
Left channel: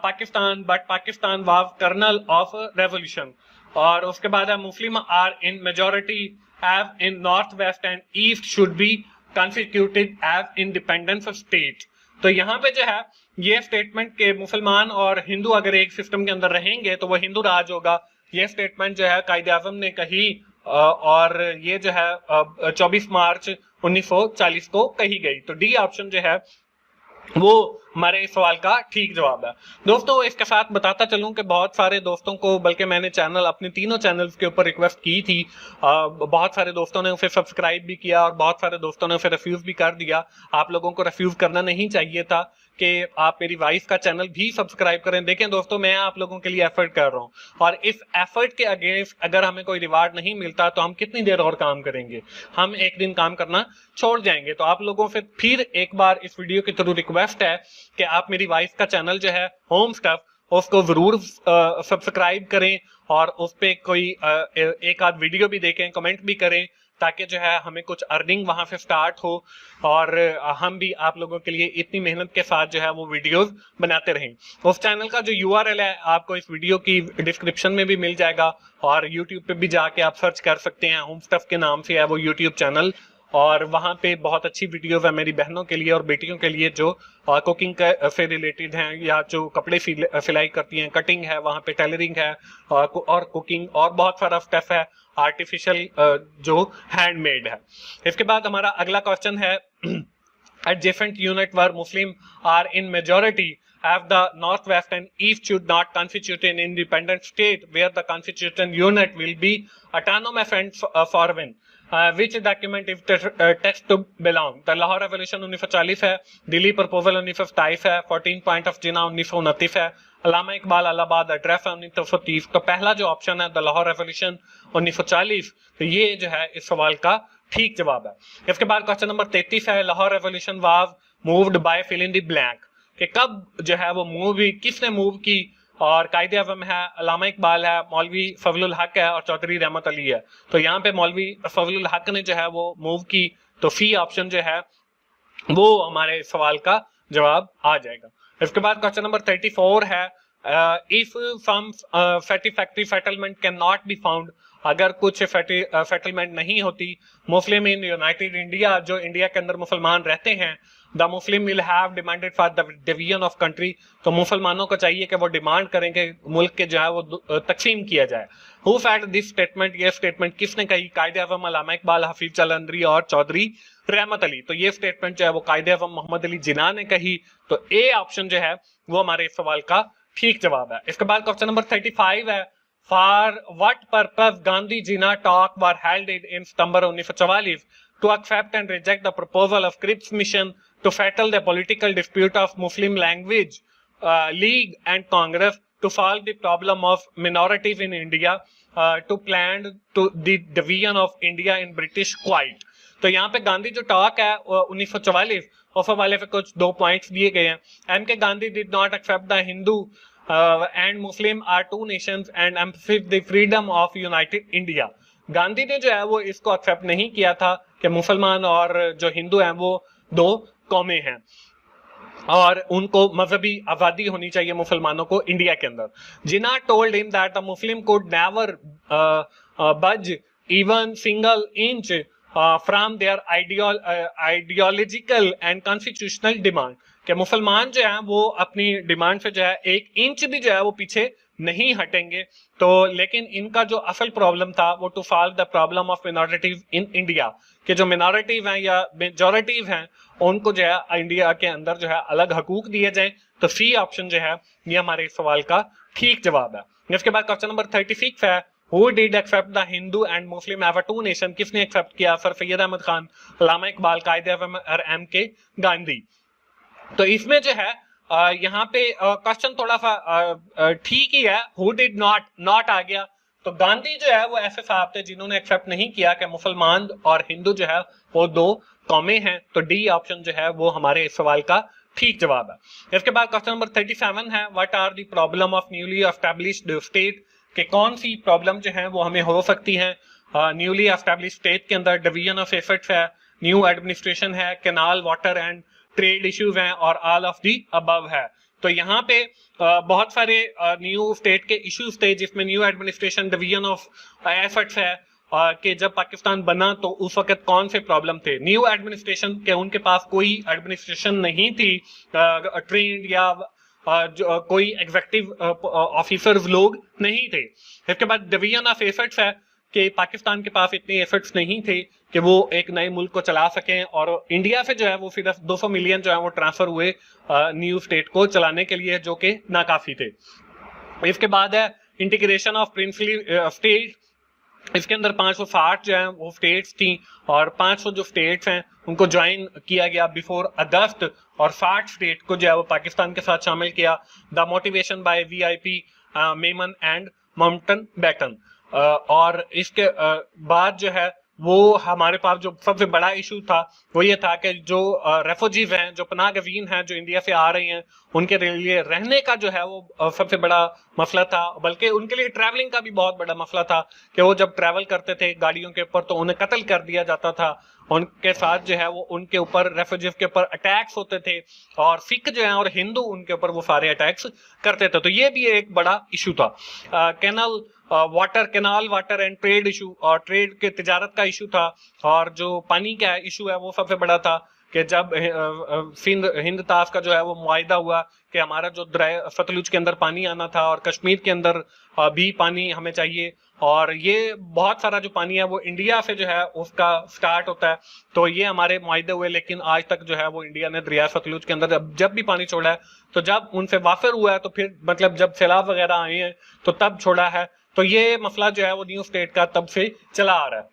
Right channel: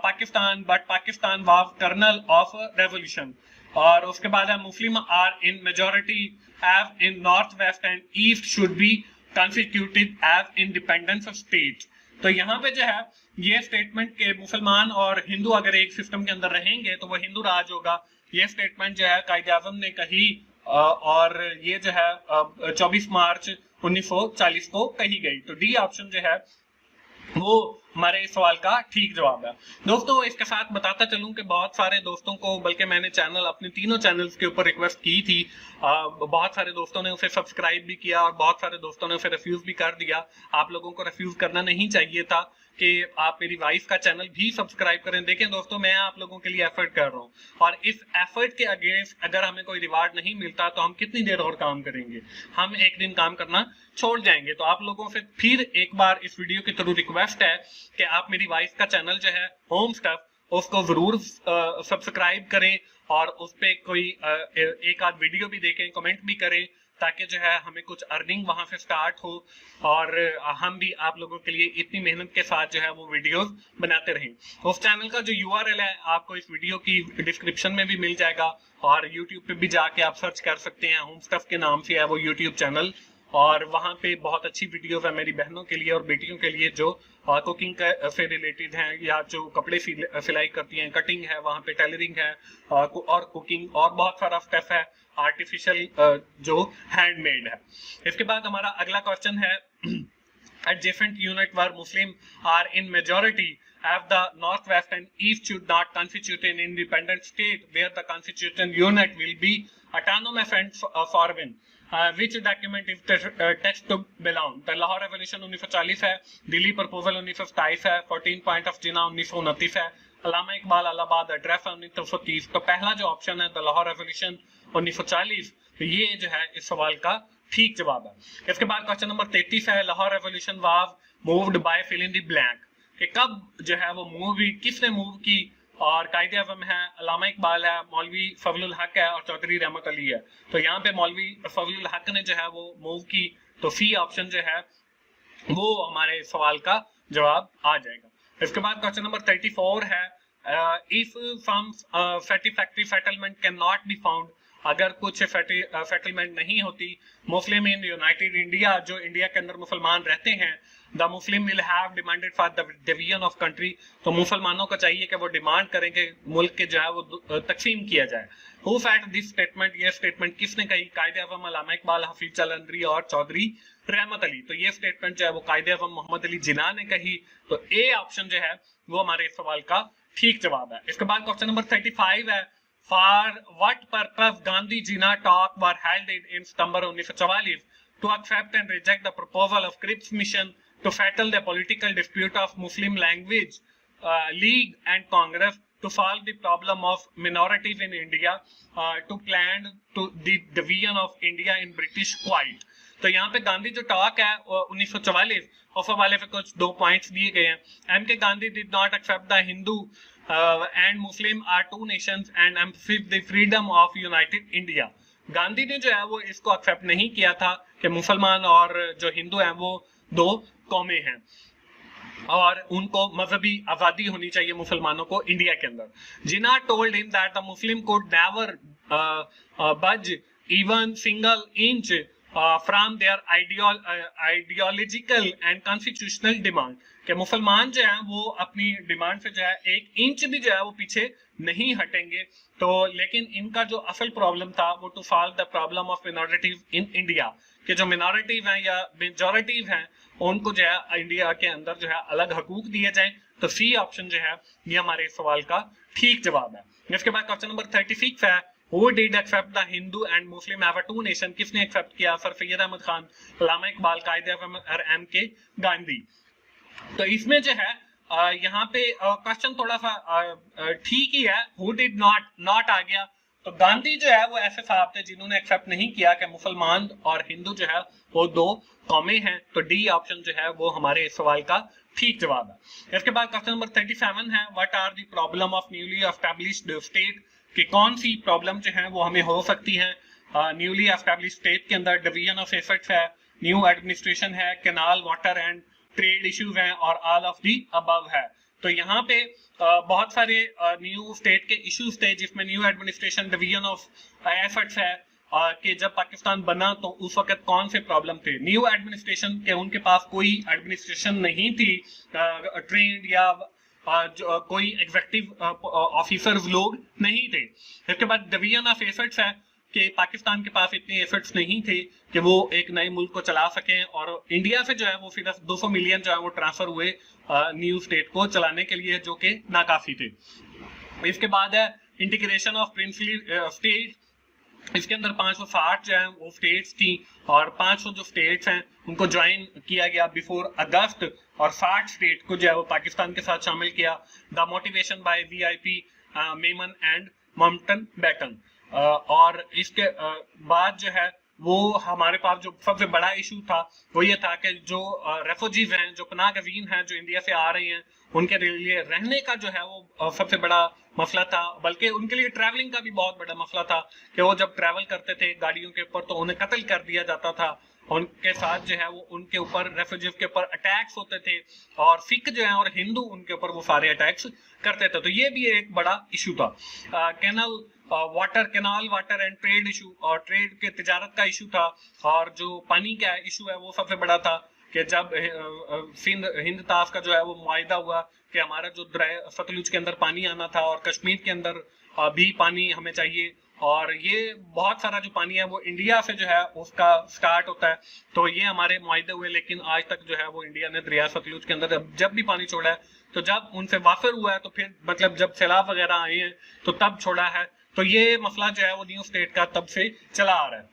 Pakistan, but Pakistan was kernel of revolution। और उसके बाद है Muslim are in majority as in north west and east should be constituted as independent state। तो यहाँ पे जो है ये स्टेटमेंट के मुसलमान और हिंदू अगर एक सिस्टम के अंदर रहेंगे तो वो हिंदू राज होगा। ये स्टेटमेंट जो है कायदे आज़म ने कही और ये जो है 24 मार्च 1940 को कही गई। तो डी ऑप्शन जो है वो हमारे इस सवाल का ठीक जवाब है। दोस्तों इसके साथ बताता चलूं कि बहुत सारे दोस्तों को, बल्कि मैंने चैनल अपने तीनों चैनल्स के ऊपर रिक्वेस्ट की थी, बहुत सारे दोस्तों ने उसे सब्सक्राइब भी किया और बहुत सारे दोस्तों ने उसे रिफ्यूज भी कर दिया। आप लोगों को रिफ्यूज करना नहीं चाहिए था कि आप मेरी वाइफ का चैनल भी सब्सक्राइब करें। देखें दोस्तों, मैं आप लोगों के लिए एफर्ट कर रहा हूं और इस एफर्ट के अगेंस्ट अगर हमें कोई रिवार्ड नहीं मिलता तो हम कितनी देर और काम करेंगे, हम एक दिन काम करना छोड़ जाएंगे। तो आप लोगों से फिर एक बार इस वीडियो के थ्रू रिक्वेस्ट है कि आप मेरी वाइफ का चैनल जो है होम स्टफ, उसको जरूर सब्सक्राइब करें और उस पर कोई एक आध वीडियो भी देखें, कमेंट भी करें, ताकि जो है हमें कुछ अर्निंग वहां से स्टार्ट हो और हम भी आप लोगों के लिए इतनी मेहनत के साथ जो है वो वीडियोस बनाते रहें। उस चैनल का जो यूआरएल है आपको इस वीडियो की डिस्क्रिप्शन में भी मिल जाएगा और यूट्यूब पे भी जाके आप सर्च कर सकते हैं, होम स्टफ के नाम से है वो यूट्यूब चैनल, और वहां पे बहुत अच्छी वीडियोस है मेरी बहनों के लिए और बेटियों के लिए जो कुकिंग से रिलेटेड हैं या जो कपड़े सिलाई करती हैं, कटिंग है, वहां पे टेलरिंग है और कुकिंग और बहुत सारा स्टफ है आर्टिफिशियल जो हैंडमेड है। इसके बाद हमारा अगला क्वेश्चन है, adjacent unit where Muslim are in majority as the northwest and east should not constitute an independent state where the constituent unit will be autonomous and foreign, which document if text to belong। तो Lahore revolution 1940 है, Delhi proposal 1927 है, 14 point of जिना 1929 है, अल्लामा Iqbal Allahabad address है 1930। तो पहला जो option है the Lahore revolution 1940, तो ये जो है इस सवाल का ठीक जवाब है। इसके बाद क्वेश्चन नंबर 33 है, Lahore revolution was moved by fill in the blank, कि कब जो है वो मूव हुई, किसने मूव की, और कायदे आज़म है, अल्लामा इकबाल है, मौलवी फजलुल हक है और चौधरी रहमत अली है। तो यहाँ पे मौलवी फजलुल हक ने जो है वो मूव की, तो सी ऑप्शन जो है वो हमारे सवाल का जवाब आ जाएगा। इसके बाद क्वेश्चन नंबर 34 है, if some satisfactory settlement can not be found, अगर कुछ सेटलमेंट नहीं होती मुस्लिम इन यूनाइटेड इंडिया, जो इंडिया के अंदर मुसलमान रहते हैं, the Muslim will have demanded for the division of country, तो मुसलमानों को चाहिए कि वो डिमांड करें कि मुल्क के जो है वो तकसीम किया जाए। हु सेड दिस स्टेटमेंट, ये स्टेटमेंट किसने कही? कायदे आज़म अल्लामा इकबाल, हफीज चलंदरी और चौधरी रहमत अली। तो ये स्टेटमेंट जो है वो कायदे आज़म मोहम्मद अली जिन्ना ने कही। तो ए ऑप्शन जो है वो हमारे इस सवाल का ठीक जवाब है। इसके बाद क्वेश्चन नंबर 35 है, for what purpose Gandhi Jinnah talk were held in September 1944 to accept and reject the proposal of Cripps Mission to settle the political dispute of Muslim language League and Congress, to solve the problem of minorities in India, to plan to the division of India in British Kuwait। तो यहाँ पे गांधी जो talk है 1944 उस वाले पे कुछ 2 points दिए गए हैं। M K Gandhi did not accept the Hindu and Muslim are two nations and emphasized the freedom of united India. Gandhi ने जो है वो इसको एक्सेप्ट नहीं किया था कि मुसलमान और जो हिंदू हैं वो 2 कौमें हैं और उनको मजहबी आजादी होनी चाहिए मुसलमानों को इंडिया के अंदर। Jinnah told him that the Muslim could never budge even single inch from their ideological and constitutional demand, कि मुसलमान जो है वो अपनी डिमांड से जो है 1 इंच भी जो है वो पीछे नहीं हटेंगे। तो लेकिन इनका जो असल प्रॉब्लम था वो to solve the problem of minorities in India, कि जो मिनॉरिटीज हैं या मेजॉरिटीज हैं उनको जो है इंडिया के अंदर जो है अलग हकूक दिए जाएं। तो सी ऑप्शन जो है ये हमारे इस सवाल का ठीक जवाब है। इसके बाद क्वेश्चन नंबर 36 है, who did accept the Hindu and Muslim as a two nation, किसने एक्सेप्ट किया? सर सैयद अहमद खान, अल्लामा इकबाल, कायदे आज़म और एम के गांधी। तो इसमें जो है यहाँ पे क्वेश्चन थोड़ा सा ठीक ही है, हु डिड नॉट आ गया। तो गांधी जो है वो ऐसे साहब थे जिन्होंने एक्सेप्ट नहीं किया कि मुसलमान और हिंदू जो है वो 2 कौमें हैं। तो डी ऑप्शन जो है वो हमारे इस सवाल का ठीक जवाब है। इसके बाद क्वेश्चन नंबर 37 है, what are the problem of newly established state, कि कौन सी प्रॉब्लम जो है वो हमें हो सकती है न्यूली एस्टैब्लिश्ड स्टेट के अंदर? डिवीजन ऑफ एफर्ट्स है, न्यू एडमिनिस्ट्रेशन है, canal, water and trade issues हैं और ऑल ऑफ दी अबव है। तो यहाँ पे बहुत सारे न्यू स्टेट के इश्यूज थे जिसमें new administration, division of efforts है कि जब पाकिस्तान बना तो उस वक्त कौन से प्रॉब्लम थे। न्यू एडमिनिस्ट्रेशन के उनके पास कोई एडमिनिस्ट्रेशन नहीं थी ट्रेंड या कोई एग्जीक्यूटिव ऑफिसर्स लोग नहीं थे। इसके बाद डिवीजन ऑफ एफर्ट्स है कि पाकिस्तान के पास इतने एफर्ट्स नहीं थे कि वो एक नए मुल्क को चला सकें और इंडिया से जो है वो सिर्फ 200 मिलियन जो है वो ट्रांसफर हुए न्यू स्टेट को चलाने के लिए, जो कि नाकाफी थे। इसके बाद है इंटीग्रेशन ऑफ प्रिंसली स्टेट, इसके अंदर 560 जो है वो स्टेट्स थी और 500 जो स्टेट्स हैं उनको ज्वाइन किया गया बिफोर अगस्त और 60 स्टेट को जो है वो पाकिस्तान के साथ शामिल किया। The motivation by VIP Memon and Mountbatten. और इसके बाद जो है वो हमारे पास जो सबसे बड़ा इशू था वो ये था कि जो रेफ्यूजीज हैं, जो पनाह गज़ीन हैं जो इंडिया से आ रही हैं, उनके लिए रहने का जो है वो सबसे बड़ा मसला था। बल्कि उनके लिए ट्रैवलिंग का भी बहुत बड़ा मसला था कि वो जब ट्रैवल करते थे गाड़ियों के ऊपर तो उन्हें कत्ल कर दिया जाता था। उनके साथ जो है वो उनके ऊपर रेफ्यूजीज के ऊपर अटैक्स होते थे और सिख जो है और हिंदू उनके ऊपर वो सारे अटैक्स करते थे। तो ये भी एक बड़ा इशू था। Canal canal water and trade issue, और ट्रेड के तिजारत का इशू था। और जो पानी का इशू है वो सबसे बड़ा था कि जब हिंद ताफ का जो है वो मुआहिदा हुआ कि हमारा जो दरिया सतलुज के अंदर पानी आना था और कश्मीर के अंदर भी पानी हमें चाहिए, और ये बहुत सारा जो पानी है वो इंडिया से जो है उसका स्टार्ट होता है। तो ये हमारे मुआहिदे हुए, लेकिन आज तक जो है वो इंडिया ने दरिया सतलुज के अंदर जब भी पानी छोड़ा है तो जब उनसे वाफिर हुआ है तो फिर मतलब जब सैलाब वगैरह आए हैं तो तब छोड़ा है। तो ये मसला जो है वो न्यू स्टेट का तब से चला आ रहा है।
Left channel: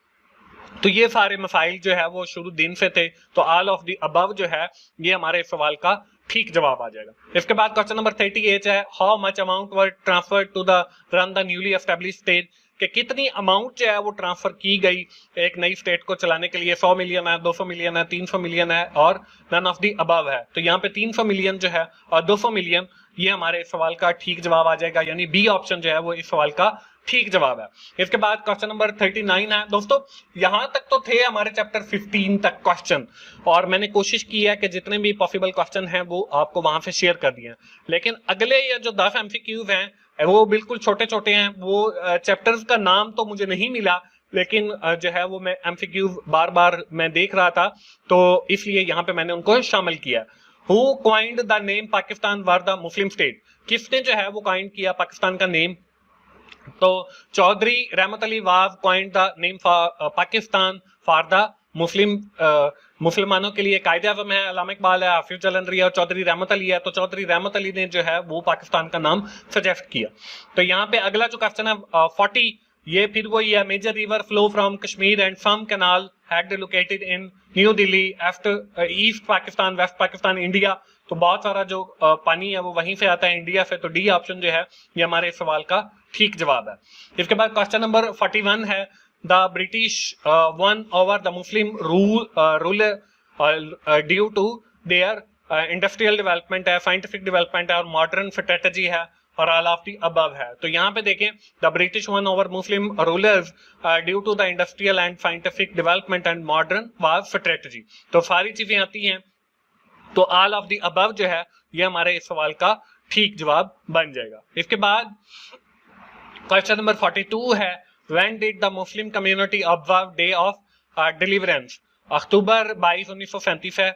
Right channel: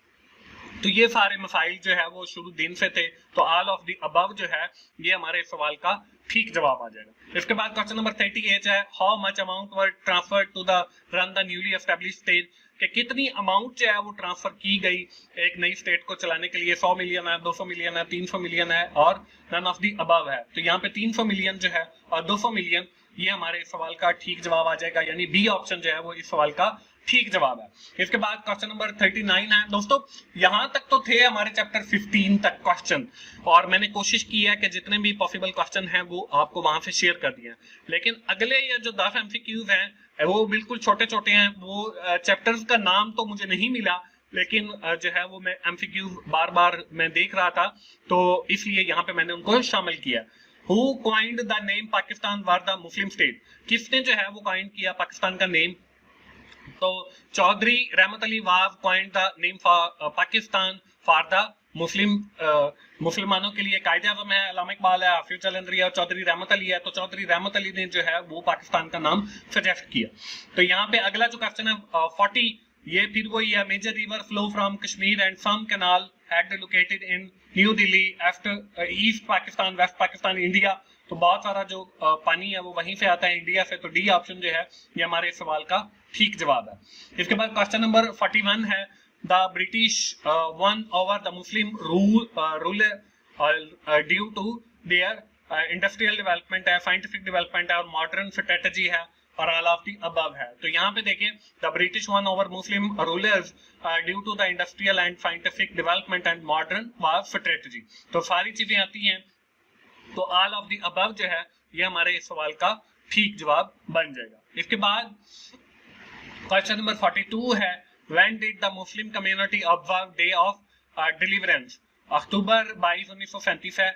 तो ये सारे मसाइल जो है वो शुरू दिन से थे। तो ऑल ऑफ द अबव जो है ये हमारे सवाल का ठीक जवाब आ जाएगा। इसके बाद क्वेश्चन नंबर 38 है, how much amount were transfer to the run the newly established state, कि कितनी अमाउंट जो है वो ट्रांसफर की गई एक नई स्टेट को चलाने के लिए। 100 मिलियन है, 200 मिलियन है, 300 मिलियन है और नन ऑफ द अबव है। तो यहाँ पे 300 मिलियन जो है और 200 मिलियन ये हमारे सवाल का ठीक जवाब आ जाएगा, यानी बी ऑप्शन जो है वो इस सवाल का ठीक जवाब है। इसके बाद क्वेश्चन नंबर 39 है। दोस्तों यहां तक तो थे हमारे चैप्टर 15 तक क्वेश्चन, और मैंने कोशिश की है कि जितने भी पॉसिबल क्वेश्चन हैं वो आपको वहां से शेयर कर दिए हैं। लेकिन अगले ये जो 10 एमसीक्यूज हैं वो बिल्कुल छोटे छोटे हैं। वो चैप्टर्स का नाम तो मुझे नहीं मिला, लेकिन जो है वो मैं एमसीक्यू बार बार मैं देख रहा था, तो इसलिए यहाँ पे मैंने उनको शामिल किया। Who coined the name Pakistan were the Muslim state, किसने जो है वो कॉइंड किया पाकिस्तान का नेम? तो Chaudhry Rahmat Ali was coined the name for Pakistan for the Muslim, मुसलमानों के लिए कायदे आज़म है, अल्लामा इकबाल है, हाफिज जलंधरी है और चौधरी रहमत अली है। तो चौधरी रहमत अली ने जो है वो पाकिस्तान का नाम सजेस्ट किया। तो यहाँ पे अगला जो क्वेश्चन है 40, ये फिर वही है। Major river flow from Kashmir and some canal head located in New Delhi after East Pakistan, West Pakistan, India. तो बहुत सारा जो पानी है वो वहीं से आता है, इंडिया से। तो डी ऑप्शन जो है ये हमारे सवाल का ठीक जवाब है। इसके बाद क्वेश्चन नंबर 41 है, the British won over the Muslim rule due to their industrial development है, साइंटिफिक डेवलपमेंट है और मॉडर्न स्ट्रेटजी है और ऑल ऑफ द अबव है। तो यहाँ पे देखें, the British won over Muslim rulers due to the industrial and scientific development and modern war strategy. तो सारी चीजें आती हैं, तो ऑल ऑफ द अबव जो है ये हमारे इस सवाल का ठीक जवाब बन जाएगा। इसके बाद क्वेश्चन नंबर 42 है, when did the Muslim community observe day of deliverance? October 22 1937 है,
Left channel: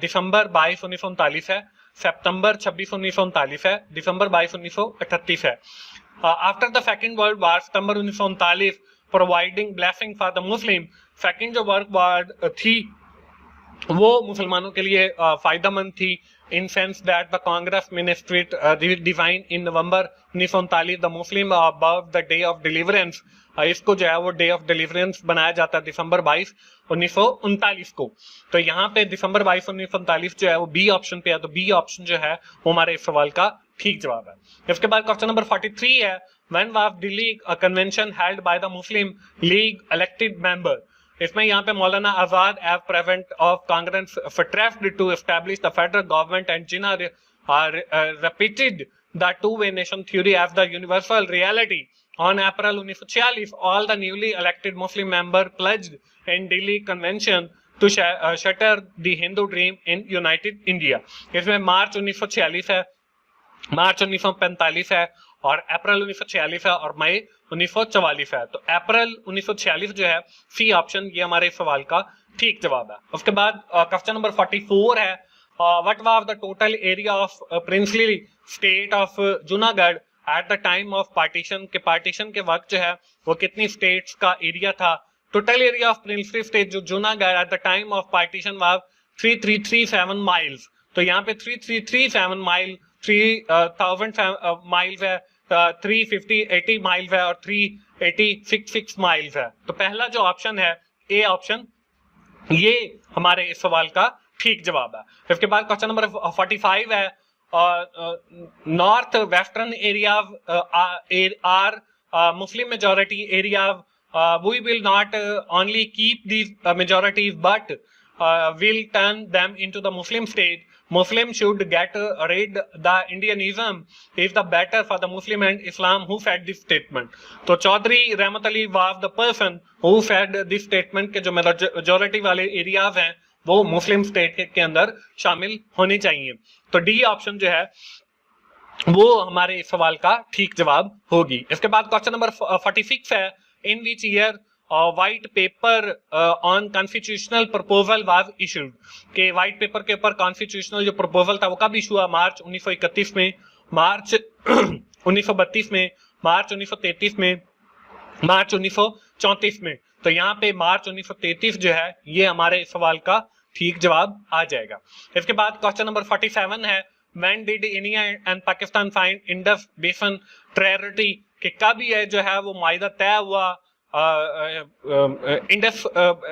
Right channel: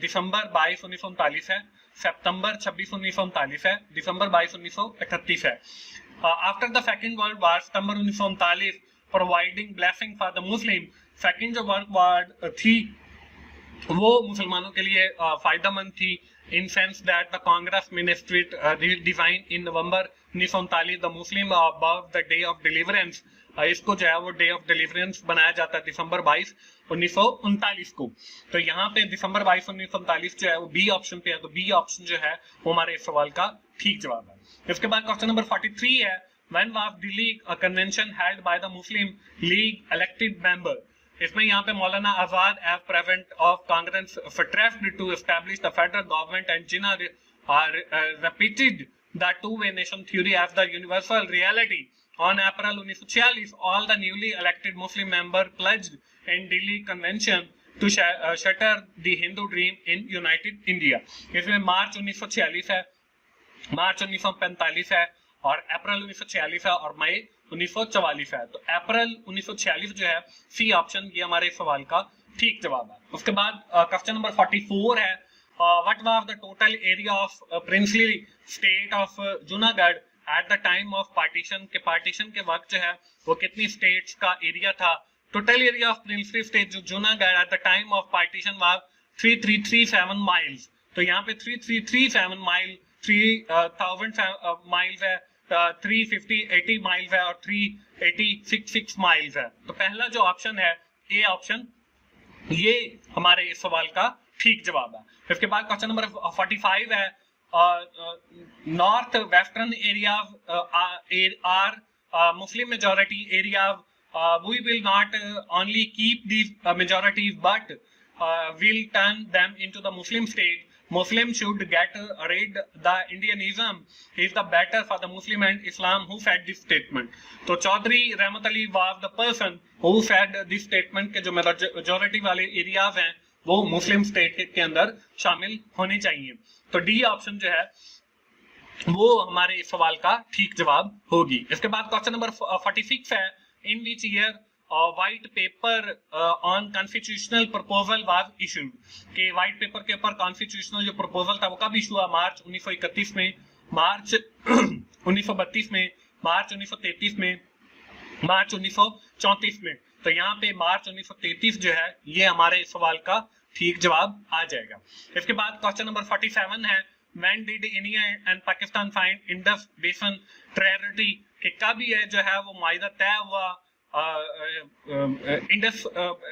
दिसंबर 22 1939 है, सितंबर 26 1939 है, दिसंबर 22 1938 है। After the second world war, September 1939, providing blessing for the Muslim, second जो वर्ल्ड वॉर थी वो मुसलमानों के लिए फायदेमंद थी, in sense that the Congress ministry design in November 1939 the Muslim about the day of deliverance. इसको जो है वो डे ऑफ डिलीवरेंस बनाया जाता है दिसंबर 22 1939 को। तो यहाँ पे दिसंबर 22 1939 जो है वो बी ऑप्शन पे है, तो बी ऑप्शन जो है वो हमारे इस सवाल का ठीक जवाब है। इसके बाद क्वेश्चन नंबर 43 है, when was Delhi convention held by the Muslim league elected member? इसमें यहाँ पे Maulana Azad as president of Congress stressed to establish the federal government and Jinnah repeated the two-way nation theory as the universal reality. On April 1946, all the newly elected Muslim members pledged in Delhi Convention to shatter the Hindu dream in United India. इसमें मार्च 1946 है, मार्च 1945 है और अप्रैल 1946 है और मई 1944 है। तो अप्रैल 1946 जो है सी ऑप्शन ये हमारे सवाल का ठीक जवाब है। उसके बाद क्वेश्चन नंबर 44 है, what was the total area of princely state of Junagadh at the time of partition? के पार्टीशन के वक्त जो है वो कितनी स्टेट्स का एरिया था? Total area of princely state जो Junagadh at the time of partition was 3337 miles. तो यहाँ पे 3337 माइल, 3000 माइल्स है, 380 माइल्स है और 3866 माइल्स है। तो पहला जो ऑप्शन है ए ऑप्शन ये हमारे इस सवाल का ठीक जवाब है। इसके बाद क्वेश्चन नंबर 45 है, north western area are Muslim majority area, we will not only keep these majorities but will turn them into the Muslim state. Muslims should get rid the Indianism is the better for the Muslim and Islam. Who said this statement? तो Chaudhry Rahmat Ali was the person who said this statement के जो majority वाले areas हैं वो मुस्लिम state के अंदर शामिल होने चाहिए। तो डी ऑप्शन जो है वो हमारे इस सवाल का ठीक जवाब होगी। इसके बाद क्वेश्चन नंबर 46 है, in which year white paper on constitutional proposal was issued? के व्हाइट पेपर के ऊपर कॉन्स्टिट्यूशनल जो प्रपोजल था वो कब इशू हुआ? मार्च 1931 में, मार्च 1932 में, मार्च 1933 में, मार्च 1934 में। तो यहाँ पे मार्च 1933 जो है ये हमारे सवाल का ठीक जवाब आ जाएगा। इसके बाद क्वेश्चन नंबर 47 है, when did India and Pakistan sign Indus basin treaty? के कब ये जो है वो मुआहिदा तय हुआ इंडस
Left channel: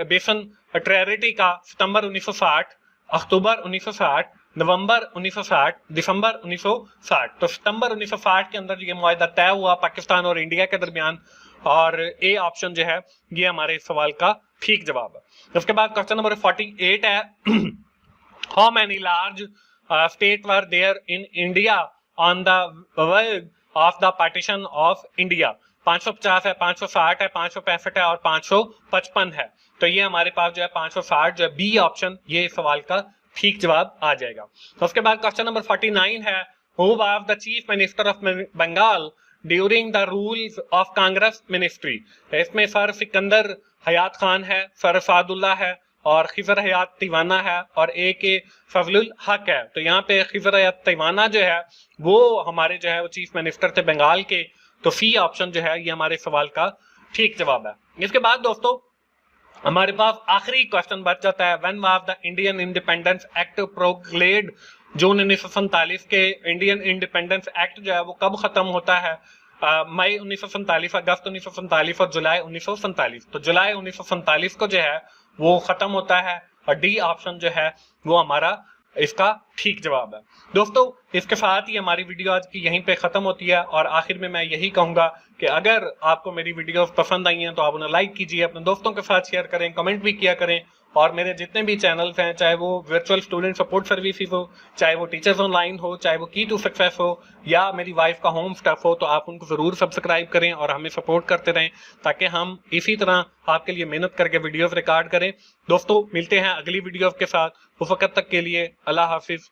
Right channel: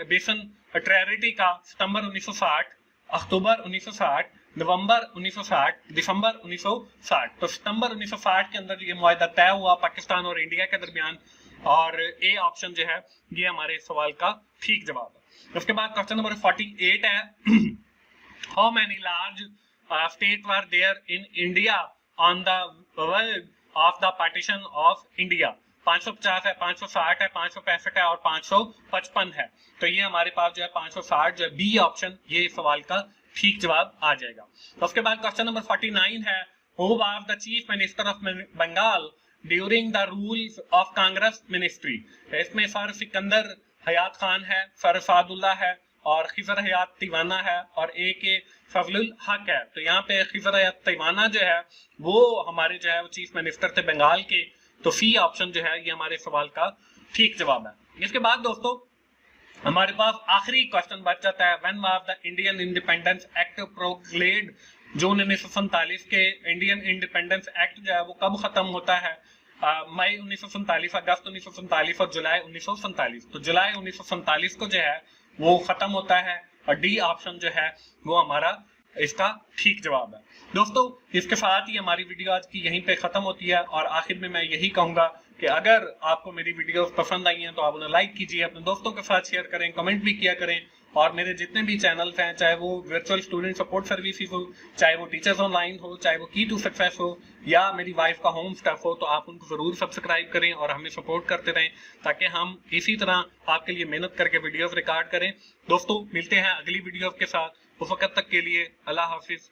बेसिन ट्रेटी का? सितंबर 1960, अक्टूबर 1960, नवंबर 1960, दिसंबर 1960। तो सितंबर 1960 के अंदर ये मुआहिदा तय हुआ पाकिस्तान और इंडिया के दरमियान, और ए ऑप्शन जो है ये हमारे सवाल का ठीक जवाब है। उसके बाद क्वेश्चन नंबर 48 है, how many large state were there in India on the world of the partition of India? 550 है, 560 है, 565 है और 555 है। तो ये हमारे पास जो है 560 जो है बी ऑप्शन ये सवाल का ठीक जवाब आ जाएगा। तो उसके बाद क्वेश्चन नंबर 49 है, who was the chief minister of Bengal during the rules of Congress ministry. इसमें सर सिकंदर हयात खान है, सर सादुल्ला है और खिजर हयात तिवाना है और ए फजलुल हक है। तो यहाँ पे खिजर हयात तिवाना जो है वो हमारे जो है वो चीफ मिनिस्टर थे बंगाल के। तो सी ऑप्शन जो है ये हमारे सवाल का ठीक जवाब है। इसके बाद दोस्तों हमारे पास आखिरी क्वेश्चन बच जाता है, when was the Indian independence act proclaimed. June 1947 के इंडियन इंडिपेंडेंस एक्ट जो है वो कब खत्म होता है? मई 1947, अगस्त 1947 और जुलाई 1947। तो जुलाई 1947 को जो है वो खत्म होता है और डी ऑप्शन जो है वो हमारा इसका ठीक जवाब है। दोस्तों इसके साथ ही हमारी वीडियो आज की यहीं पे खत्म होती है और आखिर में मैं यही कहूंगा कि अगर आपको मेरी वीडियोस पसंद आई हैं तो आप उन्हें लाइक कीजिए, अपने दोस्तों के साथ शेयर करें, कमेंट भी किया करें और मेरे जितने भी चैनल्स हैं, चाहे वो वर्चुअल स्टूडेंट सपोर्ट सर्विसेज हो, चाहे वो टीचर्स ऑनलाइन हो, चाहे वो की टू सक्सेस हो या मेरी वाइफ का होम स्टफ हो, तो आप उनको जरूर सब्सक्राइब करें और हमें सपोर्ट करते रहें ताकि हम इसी तरह आपके लिए मेहनत करके वीडियोस रिकॉर्ड करें। दोस्तों मिलते हैं अगली वीडियो के साथ, उस वक्त तक के लिए अल्लाह हाफिज।